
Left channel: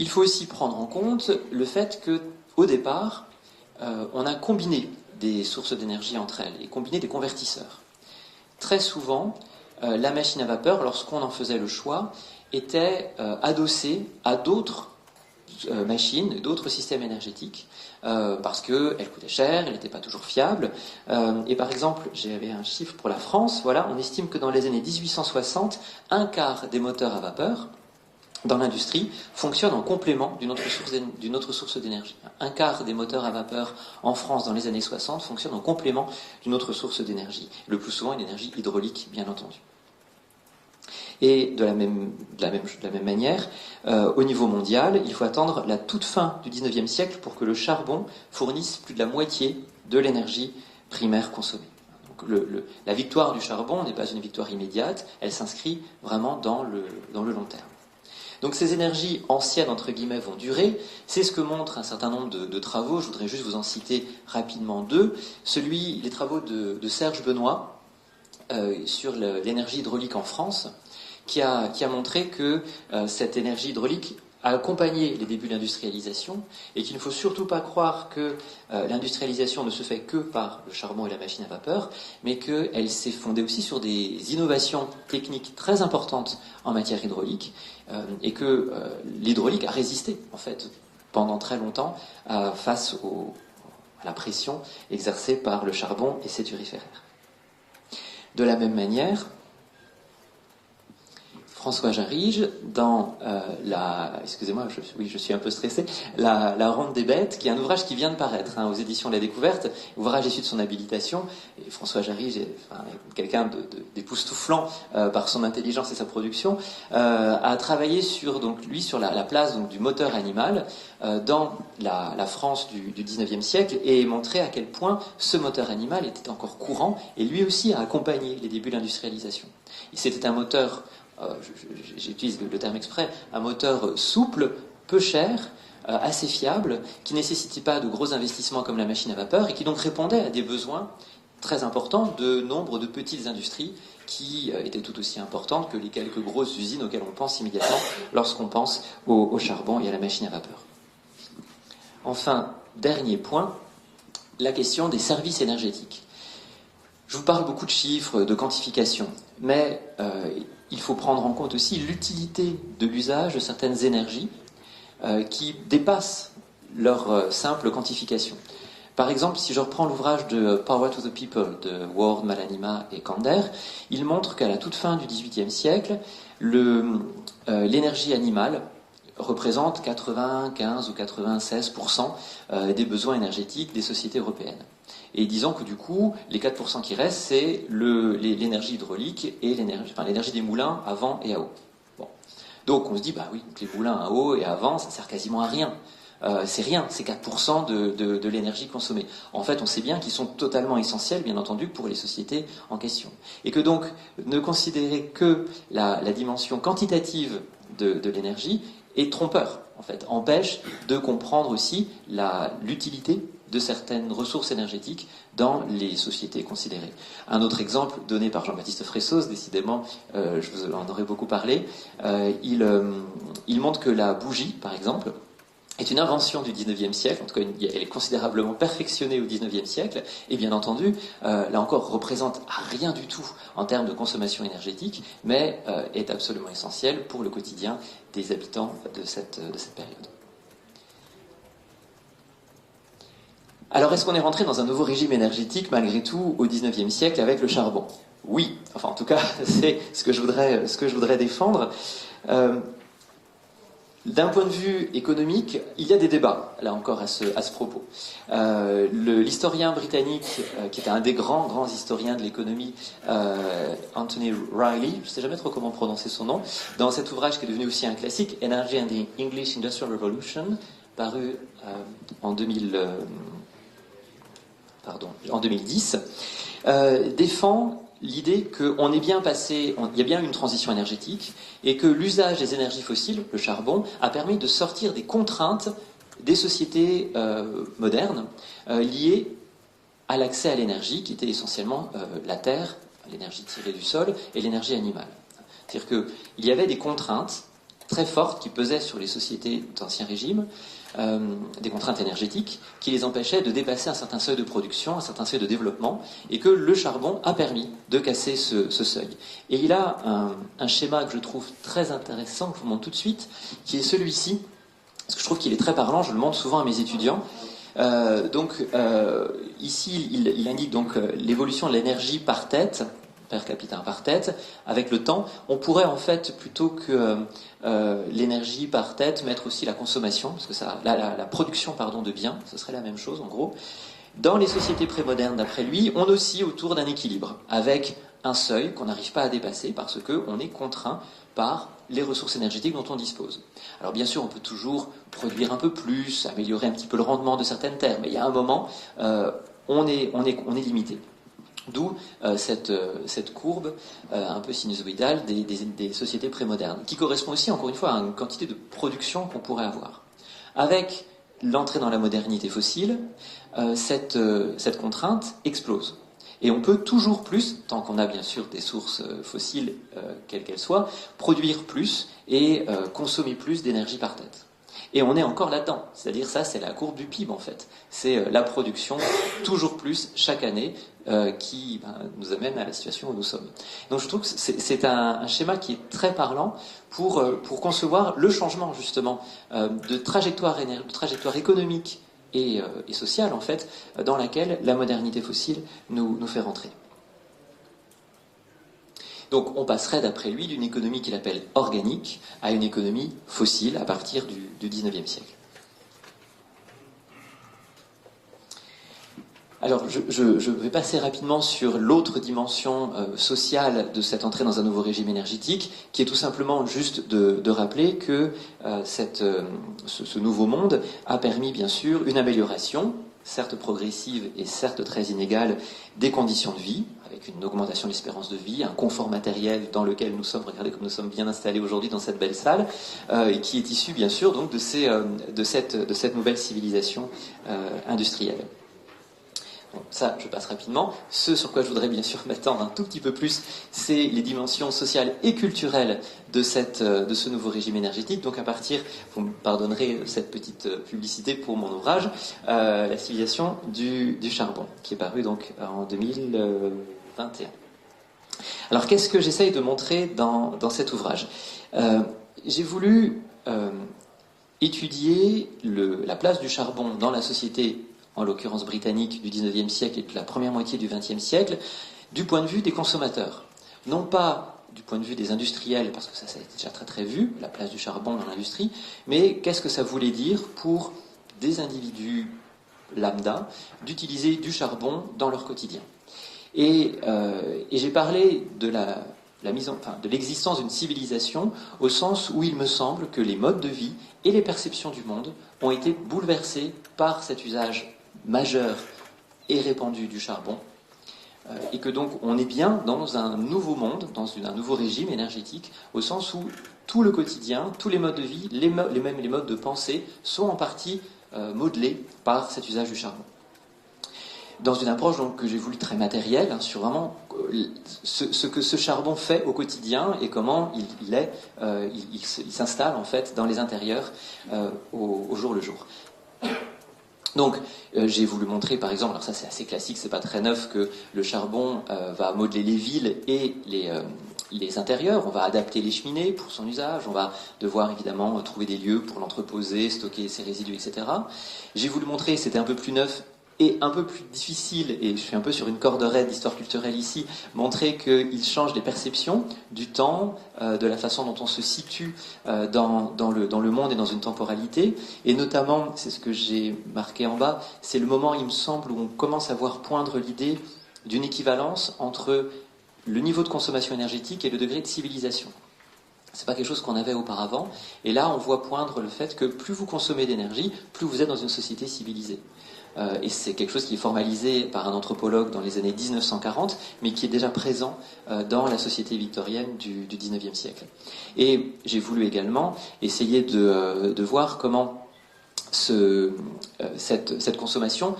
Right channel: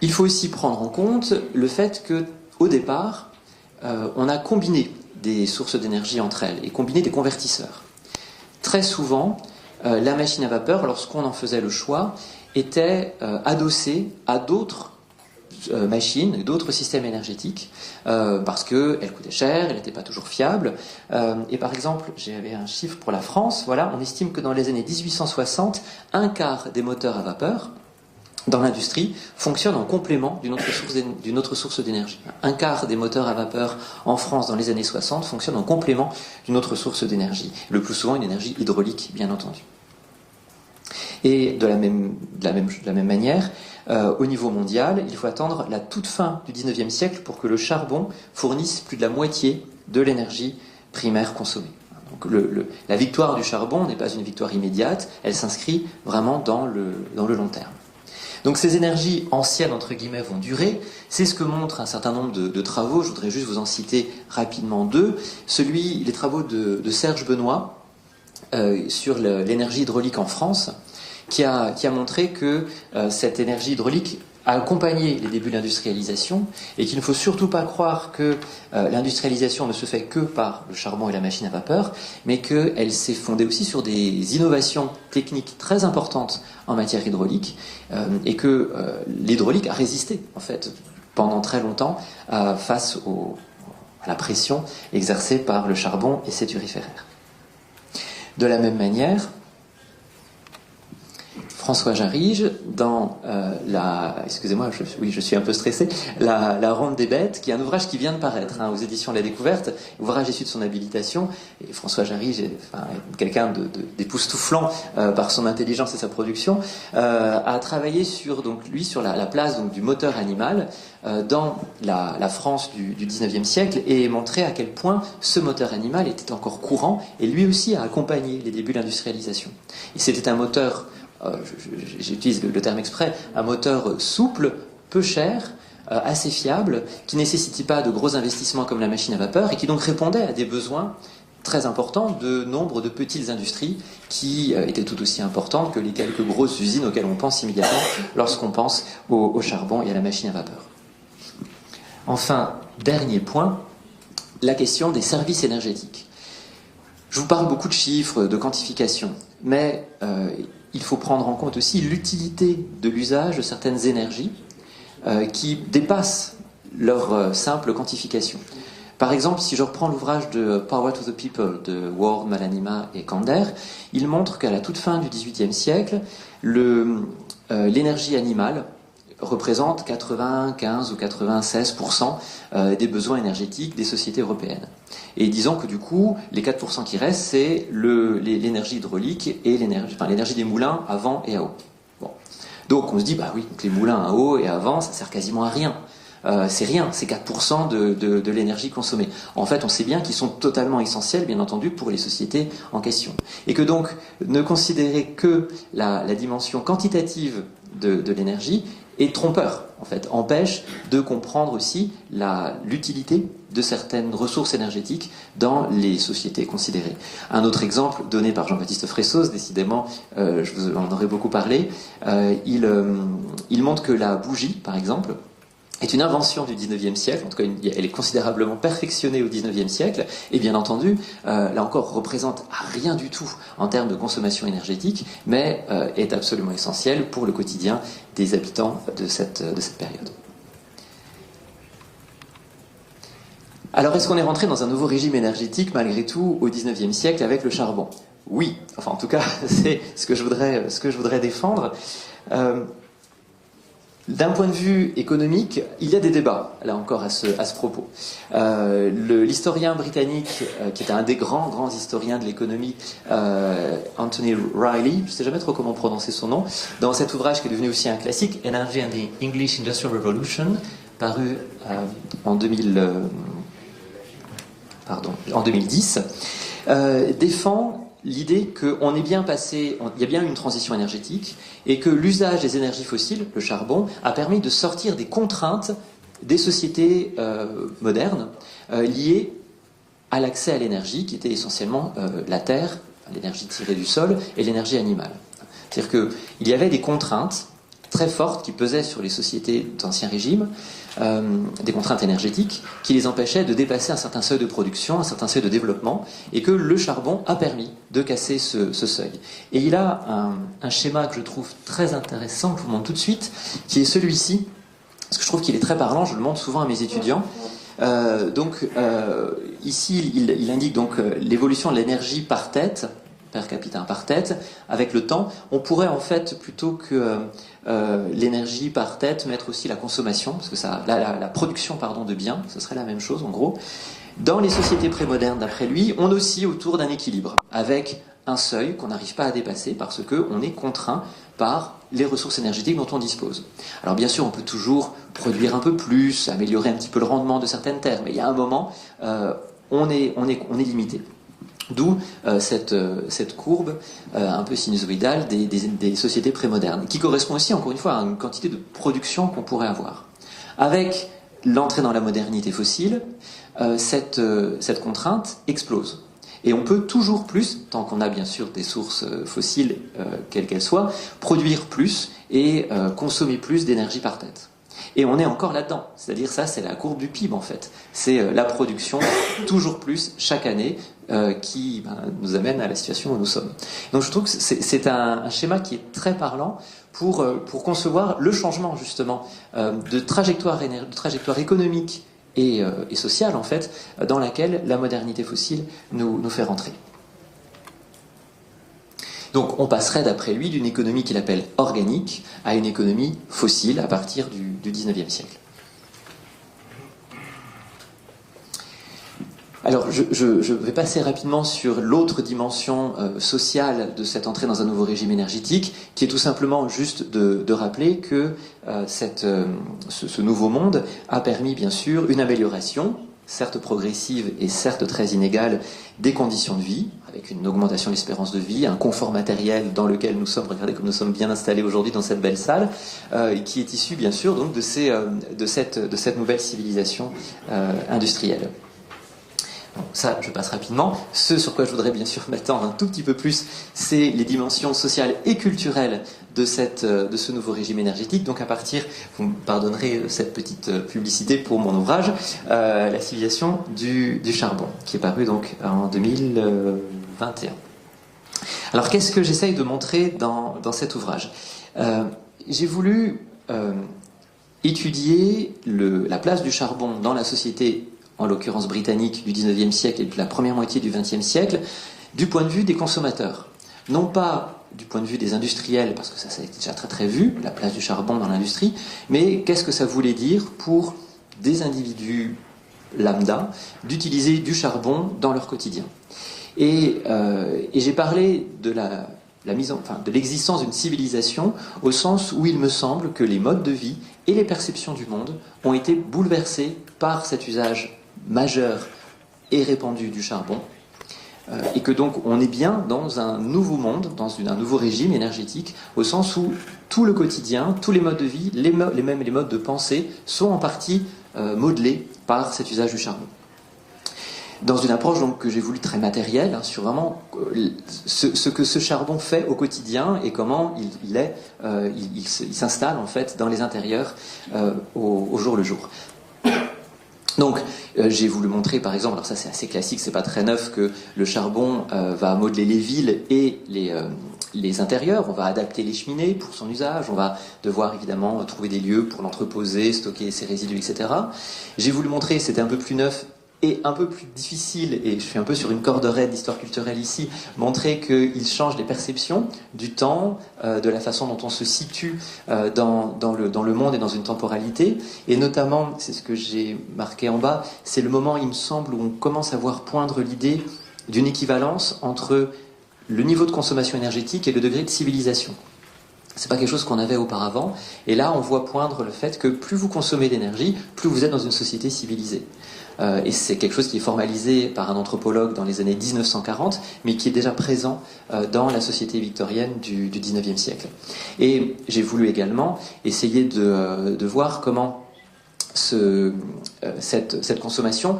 Il faut aussi prendre en compte le fait qu'au départ, on a combiné des sources d'énergie entre elles et combiné des convertisseurs. Très souvent, la machine à vapeur, lorsqu'on en faisait le choix, était adossée à d'autres machines, d'autres systèmes énergétiques, parce qu'elle coûtait cher, elle n'était pas toujours fiable. Et par exemple, j'avais un chiffre pour la France, voilà, on estime que dans les années 1860, un quart des moteurs à vapeur dans l'industrie fonctionne en complément d'une autre source d'énergie. Un quart des moteurs à vapeur en France dans les années 60 fonctionne en complément d'une autre source d'énergie. Le plus souvent une énergie hydraulique, bien entendu. Et de la même manière, au niveau mondial, il faut attendre la toute fin du XIXe siècle pour que le charbon fournisse plus de la moitié de l'énergie primaire consommée. Donc la victoire du charbon n'est pas une victoire immédiate, elle s'inscrit vraiment dans le long terme. Donc ces énergies anciennes, entre guillemets, vont durer. C'est ce que montrent un certain nombre de travaux. Je voudrais juste vous en citer rapidement deux. Les travaux de Serge Benoît sur l'énergie hydraulique en France, qui a montré que cette énergie hydraulique a accompagné les débuts de l'industrialisation et qu'il ne faut surtout pas croire que l'industrialisation ne se fait que par le charbon et la machine à vapeur, mais qu'elle s'est fondée aussi sur des innovations techniques très importantes en matière hydraulique et que l'hydraulique a résisté en fait pendant très longtemps face à la pression exercée par le charbon et ses turiféraires. De la même manière, François Jarige, dans excusez-moi, je suis un peu stressé, la Ronde des Bêtes, qui est un ouvrage qui vient de paraître aux éditions La Découverte, ouvrage issu de son habilitation, et François Jarige est quelqu'un d'époustouflant par son intelligence et sa production, a travaillé sur la place du moteur animal dans la France du XIXe siècle et montré à quel point ce moteur animal était encore courant et lui aussi a accompagné les débuts de l'industrialisation. Et c'était un moteur, j'utilise le terme exprès, un moteur souple, peu cher, assez fiable, qui ne nécessitait pas de gros investissements comme la machine à vapeur et qui donc répondait à des besoins très importants de nombre de petites industries qui étaient tout aussi importantes que les quelques grosses usines auxquelles on pense immédiatement lorsqu'on pense au charbon et à la machine à vapeur. Enfin, dernier point, la question des services énergétiques. Je vous parle beaucoup de chiffres, de quantification, mais il faut prendre en compte aussi l'utilité de l'usage de certaines énergies qui dépassent leur simple quantification. Par exemple, si je reprends l'ouvrage de Power to the People de Ward, Malanima et Kander, il montre qu'à la toute fin du XVIIIe siècle, l'énergie animale représente 95 ou 96% des besoins énergétiques des sociétés européennes. Et disons que du coup, les 4% qui restent, c'est l'énergie hydraulique et l'énergie des moulins à vent et à eau. Bon. Donc on se dit, bah oui, les moulins à eau et à vent, ça sert quasiment à rien. C'est rien, c'est 4% de l'énergie consommée. En fait, on sait bien qu'ils sont totalement essentiels, bien entendu, pour les sociétés en question. Et que donc, ne considérer que la dimension quantitative de l'énergie est trompeur, en fait, empêche de comprendre aussi l'utilité de certaines ressources énergétiques dans les sociétés considérées. Un autre exemple donné par Jean-Baptiste Fressos, décidément, je vous en aurais beaucoup parlé, il montre que la bougie, par exemple, est une invention du XIXe siècle, en tout cas elle est considérablement perfectionnée au XIXe siècle, et bien entendu, là encore, représente rien du tout en termes de consommation énergétique, mais est absolument essentielle pour le quotidien des habitants de cette période. Alors, est-ce qu'on est rentré dans un nouveau régime énergétique, malgré tout, au XIXe siècle avec le charbon? Oui, enfin en tout cas, c'est ce que je voudrais défendre. D'un point de vue économique, il y a des débats, là encore, à ce propos. L'historien britannique, qui est un des grands historiens de l'économie, Anthony Riley, je ne sais jamais trop comment prononcer son nom, dans cet ouvrage qui est devenu aussi un classique, Energy and the English Industrial Revolution, paru en 2010, défend l'idée qu'on est bien passé, il y a bien eu une transition énergétique, et que l'usage des énergies fossiles, le charbon, a permis de sortir des contraintes des sociétés modernes liées à l'accès à l'énergie, qui était essentiellement la terre, l'énergie tirée du sol, et l'énergie animale. C'est-à-dire qu'il y avait des contraintes très fortes qui pesaient sur les sociétés d'Ancien Régime, des contraintes énergétiques qui les empêchaient de dépasser un certain seuil de production, un certain seuil de développement, et que le charbon a permis de casser ce seuil. Et il a un schéma que je trouve très intéressant, que je vous montre tout de suite, qui est celui-ci, parce que je trouve qu'il est très parlant, je le montre souvent à mes étudiants. Ici, il indique donc l'évolution de l'énergie par tête, per capita par tête, avec le temps. On pourrait en fait, plutôt que l'énergie par tête, mettre aussi la consommation, parce que la production de biens, ce serait la même chose en gros. Dans les sociétés prémodernes, d'après lui, on oscille autour d'un équilibre, avec un seuil qu'on n'arrive pas à dépasser parce qu'on est contraint par les ressources énergétiques dont on dispose. Alors bien sûr, on peut toujours produire un peu plus, améliorer un petit peu le rendement de certaines terres, mais il y a un moment, on est limité. D'où cette courbe un peu sinusoïdale des sociétés prémodernes, qui correspond aussi, encore une fois, à une quantité de production qu'on pourrait avoir. Avec l'entrée dans la modernité fossile, cette contrainte explose. Et on peut toujours plus, tant qu'on a bien sûr des sources fossiles, quelles qu'elles soient, produire plus et consommer plus d'énergie par tête. Et on est encore là-dedans. C'est-à-dire ça, c'est la courbe du PIB en fait. C'est la production toujours plus chaque année qui nous amène à la situation où nous sommes. Donc je trouve que c'est un schéma qui est très parlant pour concevoir le changement justement de trajectoire économique et sociale en fait, dans laquelle la modernité fossile nous fait rentrer. Donc on passerait d'après lui d'une économie qu'il appelle organique à une économie fossile à partir du 19e siècle. Alors je vais passer rapidement sur l'autre dimension sociale de cette entrée dans un nouveau régime énergétique, qui est tout simplement juste de rappeler que ce nouveau monde a permis bien sûr une amélioration, certes progressive et certes très inégale, des conditions de vie, avec une augmentation de l'espérance de vie, un confort matériel dans lequel nous sommes, regardez comme nous sommes bien installés aujourd'hui dans cette belle salle, et qui est issu bien sûr donc de cette nouvelle civilisation industrielle. Bon, ça, je passe rapidement. Ce sur quoi je voudrais bien sûr m'attendre un tout petit peu plus, c'est les dimensions sociales et culturelles de ce nouveau régime énergétique. Donc à partir, vous me pardonnerez cette petite publicité pour mon ouvrage, La civilisation du charbon, qui est paru donc en 2021. Alors qu'est-ce que j'essaye de montrer dans cet ouvrage? J'ai voulu étudier la place du charbon dans la société, en l'occurrence britannique, du 19e siècle et de la première moitié du 20e siècle, du point de vue des consommateurs. Non pas du point de vue des industriels, parce que ça a été déjà très très vu, la place du charbon dans l'industrie, mais qu'est-ce que ça voulait dire pour des individus lambda d'utiliser du charbon dans leur quotidien. Et j'ai parlé de de l'existence d'une civilisation au sens où il me semble que les modes de vie et les perceptions du monde ont été bouleversés par cet usage majeur et répandu du charbon, et que donc on est bien dans un nouveau monde, dans un nouveau régime énergétique, au sens où tout le quotidien, tous les modes de vie, les modes de pensée sont en partie modelés par cet usage du charbon. Dans une approche donc, que j'ai voulu très matérielle, sur vraiment ce que ce charbon fait au quotidien et comment il s'installe en fait dans les intérieurs au jour le jour. Donc, j'ai voulu montrer, par exemple, alors ça c'est assez classique, c'est pas très neuf, que le charbon va modeler les villes et les intérieurs. On va adapter les cheminées pour son usage, on va devoir évidemment trouver des lieux pour l'entreposer, stocker ses résidus, etc. J'ai voulu montrer, c'était un peu plus neuf et un peu plus difficile, et je suis un peu sur une corde raide d'histoire culturelle ici, montrer qu'il change les perceptions du temps, de la façon dont on se situe dans le monde et dans une temporalité, et notamment, c'est ce que j'ai marqué en bas, c'est le moment, il me semble, où on commence à voir poindre l'idée d'une équivalence entre le niveau de consommation énergétique et le degré de civilisation. C'est pas quelque chose qu'on avait auparavant, et là on voit poindre le fait que plus vous consommez d'énergie, plus vous êtes dans une société civilisée. Et c'est quelque chose qui est formalisé par un anthropologue dans les années 1940, mais qui est déjà présent dans la société victorienne du 19e siècle. Et j'ai voulu également essayer de voir comment cette consommation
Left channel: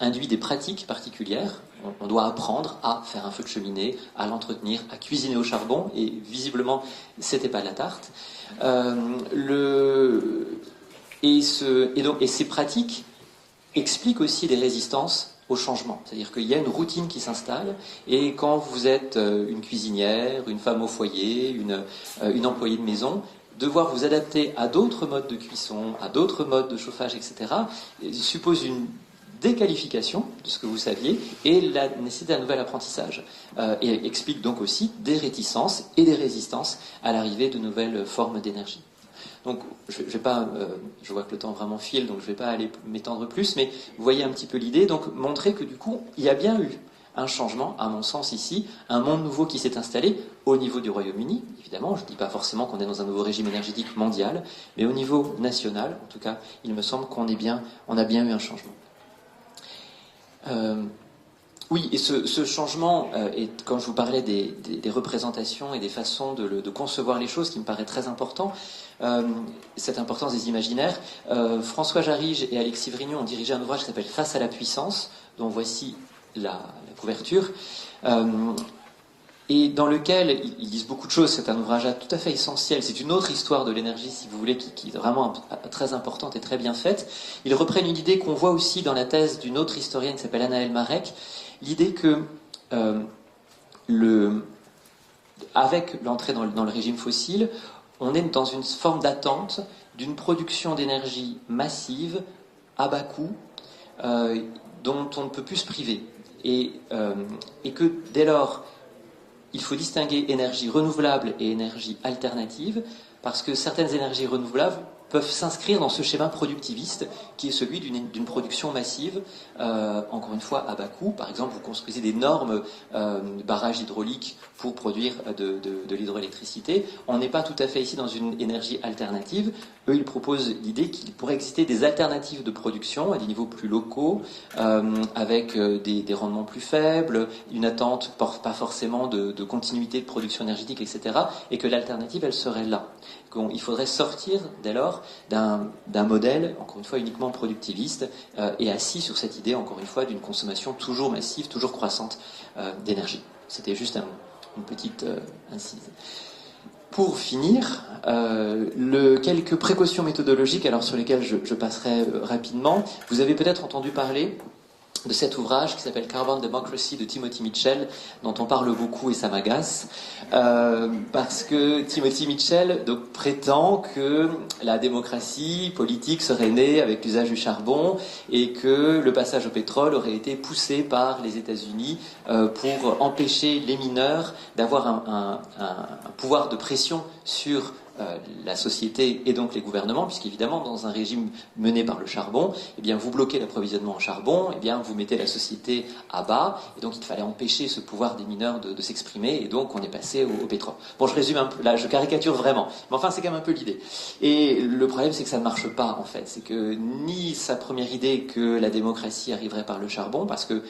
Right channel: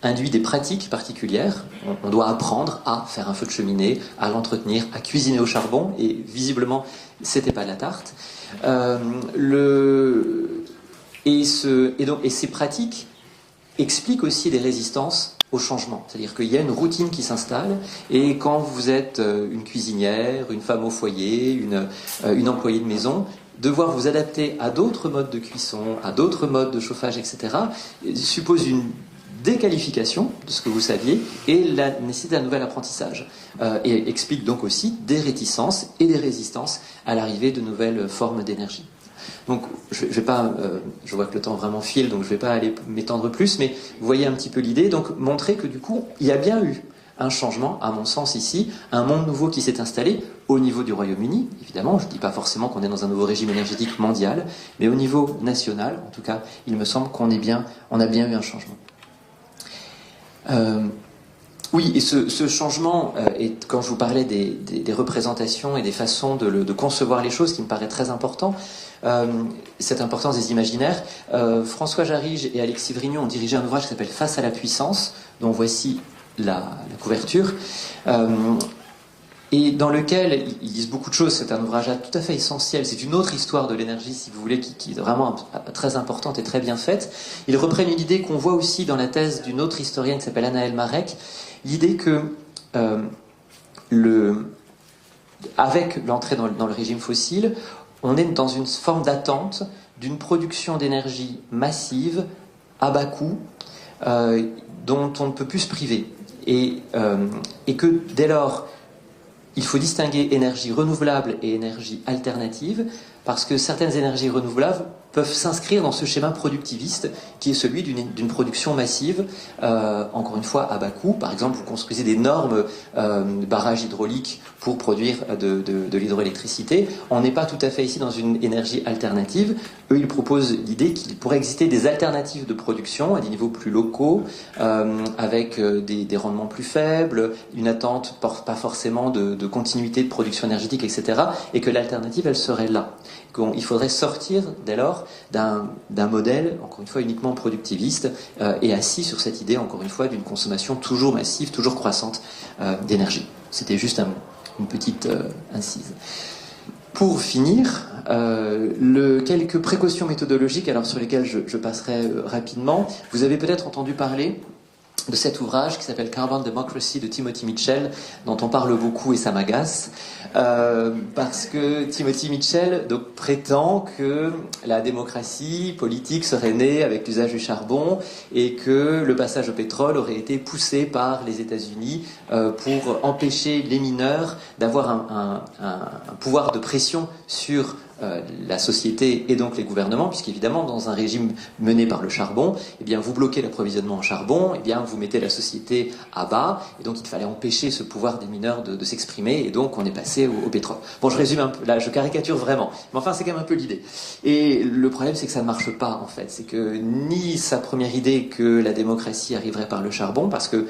induit des pratiques particulières. On doit apprendre à faire un feu de cheminée, à l'entretenir, à cuisiner au charbon, et visiblement, c'était pas la tarte. Et ces pratiques explique aussi les résistances au changement. C'est-à-dire qu'il y a une routine qui s'installe, et quand vous êtes une cuisinière, une femme au foyer, une employée de maison, devoir vous adapter à d'autres modes de cuisson, à d'autres modes de chauffage, etc., suppose une déqualification de ce que vous saviez et la nécessité d'un nouvel apprentissage. Et explique donc aussi des réticences et des résistances à l'arrivée de nouvelles formes d'énergie. Donc, je vois que le temps vraiment file, donc je ne vais pas aller m'étendre plus, mais vous voyez un petit peu l'idée, donc montrer que du coup, il y a bien eu un changement, à mon sens ici, un monde nouveau qui s'est installé au niveau du Royaume-Uni, évidemment, je ne dis pas forcément qu'on est dans un nouveau régime énergétique mondial, mais au niveau national, en tout cas, il me semble qu'on a bien eu un changement. Oui, et ce changement, et quand je vous parlais des représentations et des façons de concevoir les choses, qui me paraît très important, cette importance des imaginaires, François Jarige et Alexis Vrignon ont dirigé un ouvrage qui s'appelle Face à la puissance, dont voici la couverture, et dans lequel ils disent beaucoup de choses. C'est un ouvrage tout à fait essentiel. C'est une autre histoire de l'énergie, si vous voulez, qui est vraiment très importante et très bien faite. Ils reprennent une idée qu'on voit aussi dans la thèse d'une autre historienne qui s'appelle Anaëlle Marek, l'idée que avec l'entrée dans le régime fossile, on est dans une forme d'attente d'une production d'énergie massive, à bas coût, dont on ne peut plus se priver. Et que dès lors, il faut distinguer énergie renouvelable et énergie alternative, parce que certaines énergies renouvelables peuvent s'inscrire dans ce schéma productiviste qui est celui d'une production massive, encore une fois à bas coût. Par exemple, vous construisez d'énormes barrages hydrauliques pour produire de l'hydroélectricité. On n'est pas tout à fait ici dans une énergie alternative. Eux, ils proposent l'idée qu'il pourrait exister des alternatives de production à des niveaux plus locaux, avec des rendements plus faibles, une attente pas forcément de continuité de production énergétique, etc. Et que l'alternative, elle serait là. Il faudrait sortir dès lors d'un modèle, encore une fois, uniquement productiviste, et assis sur cette idée, encore une fois, d'une consommation toujours massive, toujours croissante d'énergie. C'était juste une petite incise. Pour finir, quelques précautions méthodologiques, alors sur lesquelles je passerai rapidement. Vous avez peut-être entendu parler de cet ouvrage qui s'appelle Carbon Democracy de Timothy Mitchell, dont on parle beaucoup et ça m'agace, parce que Timothy Mitchell prétend que la démocratie politique serait née avec l'usage du charbon et que le passage au pétrole aurait été poussé par les États-Unis pour empêcher les mineurs d'avoir un pouvoir de pression sur la société et donc les gouvernements, puisqu'évidemment, dans un régime mené par le charbon, eh bien, vous bloquez l'approvisionnement en charbon, eh bien, vous mettez la société à bas, et donc il fallait empêcher ce pouvoir des mineurs de s'exprimer, et donc on est passé au pétrole. Bon, je résume un peu, là, je caricature vraiment, mais enfin, c'est quand même un peu l'idée. Et le problème, c'est que ça ne marche pas, en fait. C'est que ni sa première idée que la démocratie arriverait par le charbon, parce que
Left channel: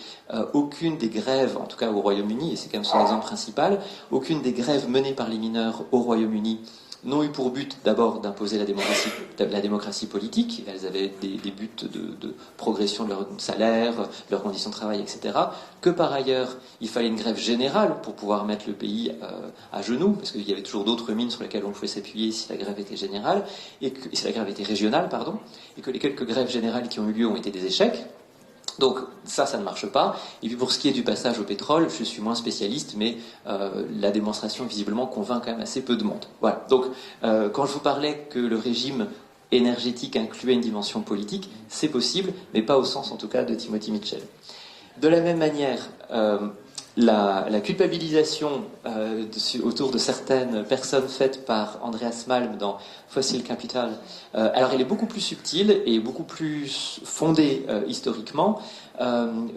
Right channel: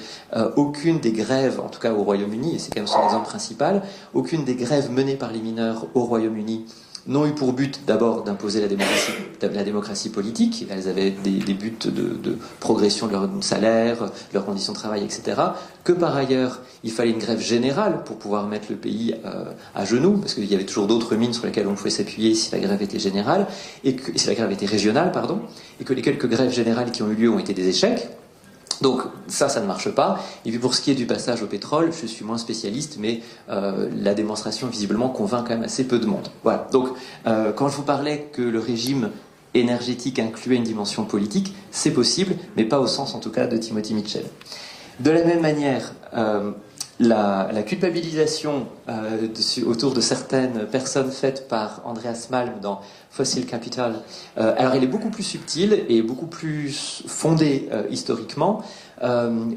aucune des grèves, en tout cas au Royaume-Uni, et c'est quand même son exemple principal, aucune des grèves menées par les mineurs au Royaume-Uni n'ont eu pour but d'abord d'imposer la démocratie politique. Elles avaient des buts de progression de leur salaire, de leurs conditions de travail, etc. Que par ailleurs, il fallait une grève générale pour pouvoir mettre le pays à genoux, parce qu'il y avait toujours d'autres mines sur lesquelles on pouvait s'appuyer si la grève était générale, si la grève était régionale, pardon, et que les quelques grèves générales qui ont eu lieu ont été des échecs. Donc ça ne marche pas. Et puis pour ce qui est du passage au pétrole, je suis moins spécialiste, mais la démonstration visiblement convainc quand même assez peu de monde. Voilà. Donc quand je vous parlais que le régime énergétique incluait une dimension politique, c'est possible, mais pas au sens en tout cas de Timothy Mitchell. De la même manière, la culpabilisation autour de certaines personnes faite par Andreas Malm dans Fossil Capital, alors elle est beaucoup plus subtile et beaucoup plus fondée historiquement.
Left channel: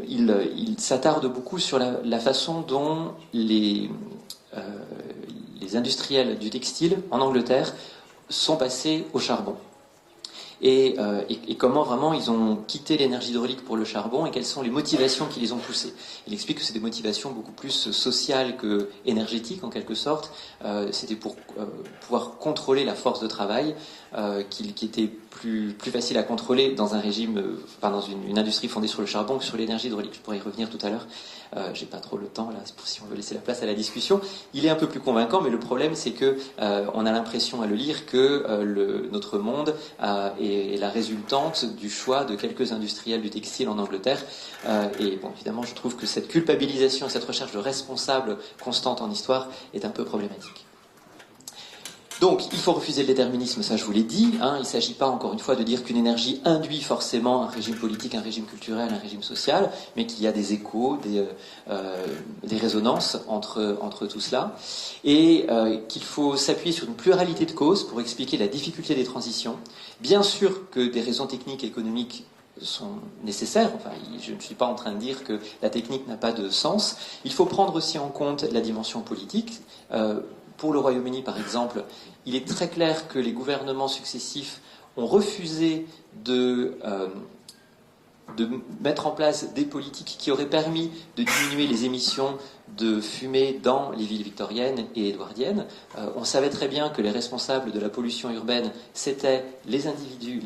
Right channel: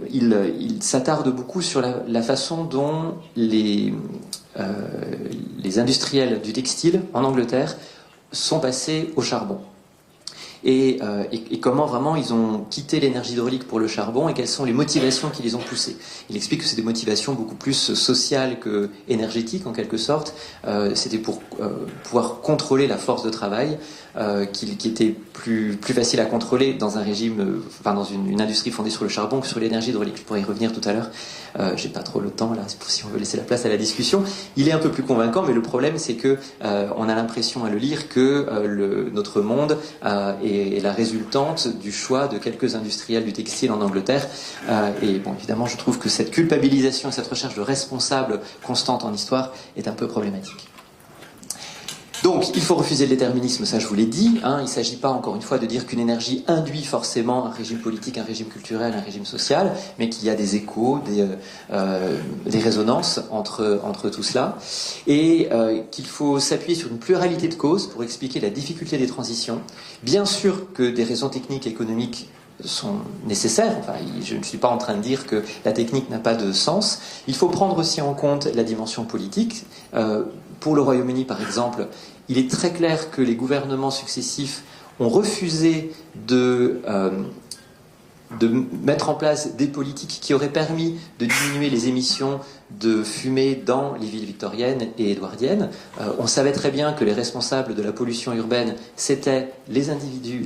Il s'attarde beaucoup sur la façon dont les industriels du textile en Angleterre sont passés au charbon. Et comment vraiment ils ont quitté l'énergie hydraulique pour le charbon et quelles sont les motivations qui les ont poussés. Il explique que c'est des motivations beaucoup plus sociales que énergétiques en quelque sorte. C'était pour pouvoir contrôler la force de travail qui était plus facile à contrôler dans un régime, dans une industrie fondée sur le charbon que sur l'énergie hydraulique. Je pourrais y revenir tout à l'heure. J'ai pas trop le temps là, c'est pour si on veut laisser la place à la discussion. Il est un peu plus convaincant, mais le problème c'est que on a l'impression à le lire que notre monde est la résultante du choix de quelques industriels du textile en Angleterre. Et bon, évidemment, je trouve que cette culpabilisation, cette recherche de responsables constante en histoire est un peu problématique. Donc, il faut refuser le déterminisme, ça je vous l'ai dit. Il ne s'agit pas, encore une fois, de dire qu'une énergie induit forcément un régime politique, un régime culturel, un régime social, mais qu'il y a des échos, des résonances entre tout cela. Et qu'il faut s'appuyer sur une pluralité de causes pour expliquer la difficulté des transitions. Bien sûr que des raisons techniques et économiques sont nécessaires. Enfin, je ne suis pas en train de dire que la technique n'a pas de sens. Il faut prendre aussi en compte la dimension politique. Pour le Royaume-Uni, par exemple, il est très clair que les gouvernements successifs ont refusé de de mettre en place des politiques qui auraient permis de diminuer les émissions de fumée dans les villes victoriennes et édouardiennes. On savait très bien que les responsables de la pollution urbaine, c'était les individus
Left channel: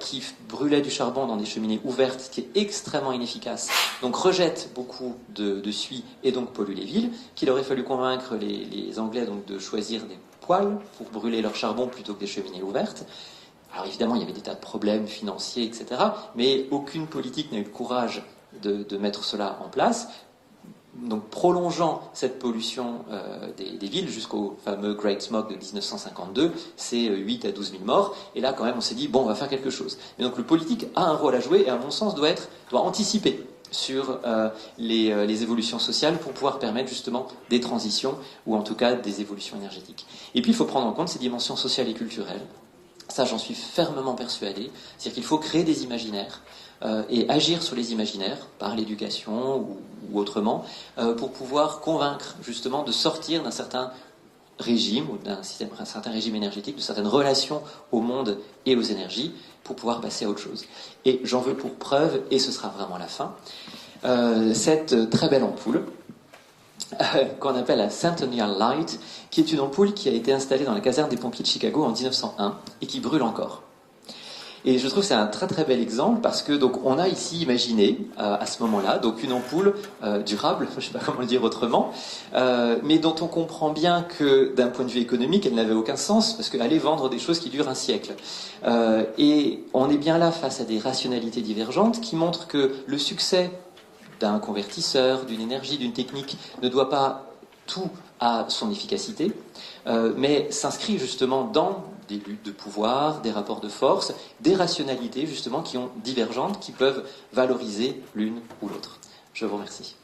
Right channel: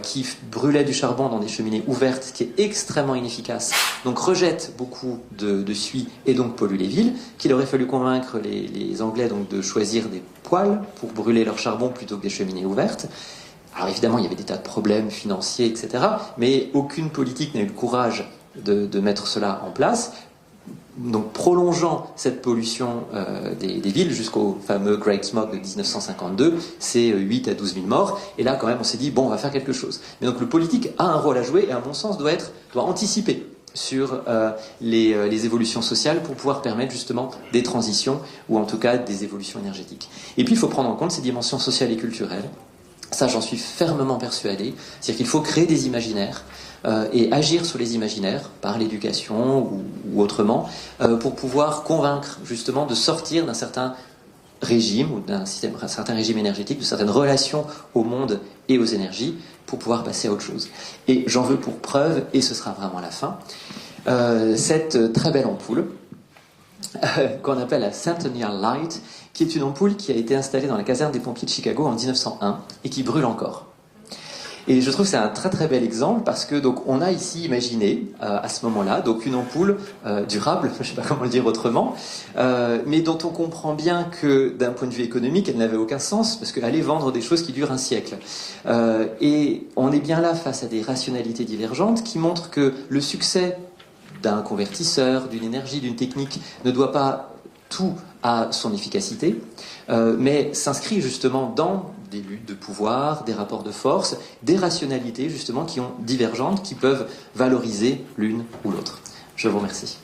qui brûlaient du charbon dans des cheminées ouvertes, ce qui est extrêmement inefficace, donc rejettent beaucoup de suie et donc polluent les villes, qu'il aurait fallu convaincre les Anglais donc, de choisir des poêles pour brûler leur charbon plutôt que des cheminées ouvertes. Alors évidemment, il y avait des tas de problèmes financiers, etc. Mais aucune politique n'a eu le courage de mettre cela en place. Donc prolongeant cette pollution des villes jusqu'au fameux Great Smog de 1952, c'est 8 à 12 000 morts. Et là, quand même, on s'est dit, bon, on va faire quelque chose. Et donc le politique a un rôle à jouer et, à mon sens, doit anticiper sur les évolutions sociales pour pouvoir permettre justement des transitions ou en tout cas des évolutions énergétiques. Et puis il faut prendre en compte ces dimensions sociales et culturelles. Ça, j'en suis fermement persuadé. C'est-à-dire qu'il faut créer des imaginaires et agir sur les imaginaires par l'éducation ou autrement pour pouvoir convaincre justement de sortir d'un certain régime ou d'un certain régime énergétique, de certaines relations au monde et aux énergies pour pouvoir passer à autre chose. Et j'en veux pour preuve, et ce sera vraiment la fin, cette très belle ampoule qu'on appelle la Centennial Light, qui est une ampoule qui a été installée dans la caserne des pompiers de Chicago en 1901 et qui brûle encore. Et je trouve que c'est un très très bel exemple parce que donc on a ici imaginé à ce moment-là donc une ampoule durable, je ne sais pas comment le dire autrement, mais dont on comprend bien que d'un point de vue économique elle n'avait aucun sens parce qu'elle allait vendre des choses qui durent un siècle. Et on est bien là face à des rationalités divergentes qui montrent que le succès d'un convertisseur, d'une énergie, d'une technique ne doit pas tout à son efficacité, mais s'inscrit justement dans des luttes de pouvoir, des rapports de force, des rationalités justement qui sont divergentes, qui peuvent valoriser l'une ou l'autre. Je vous remercie.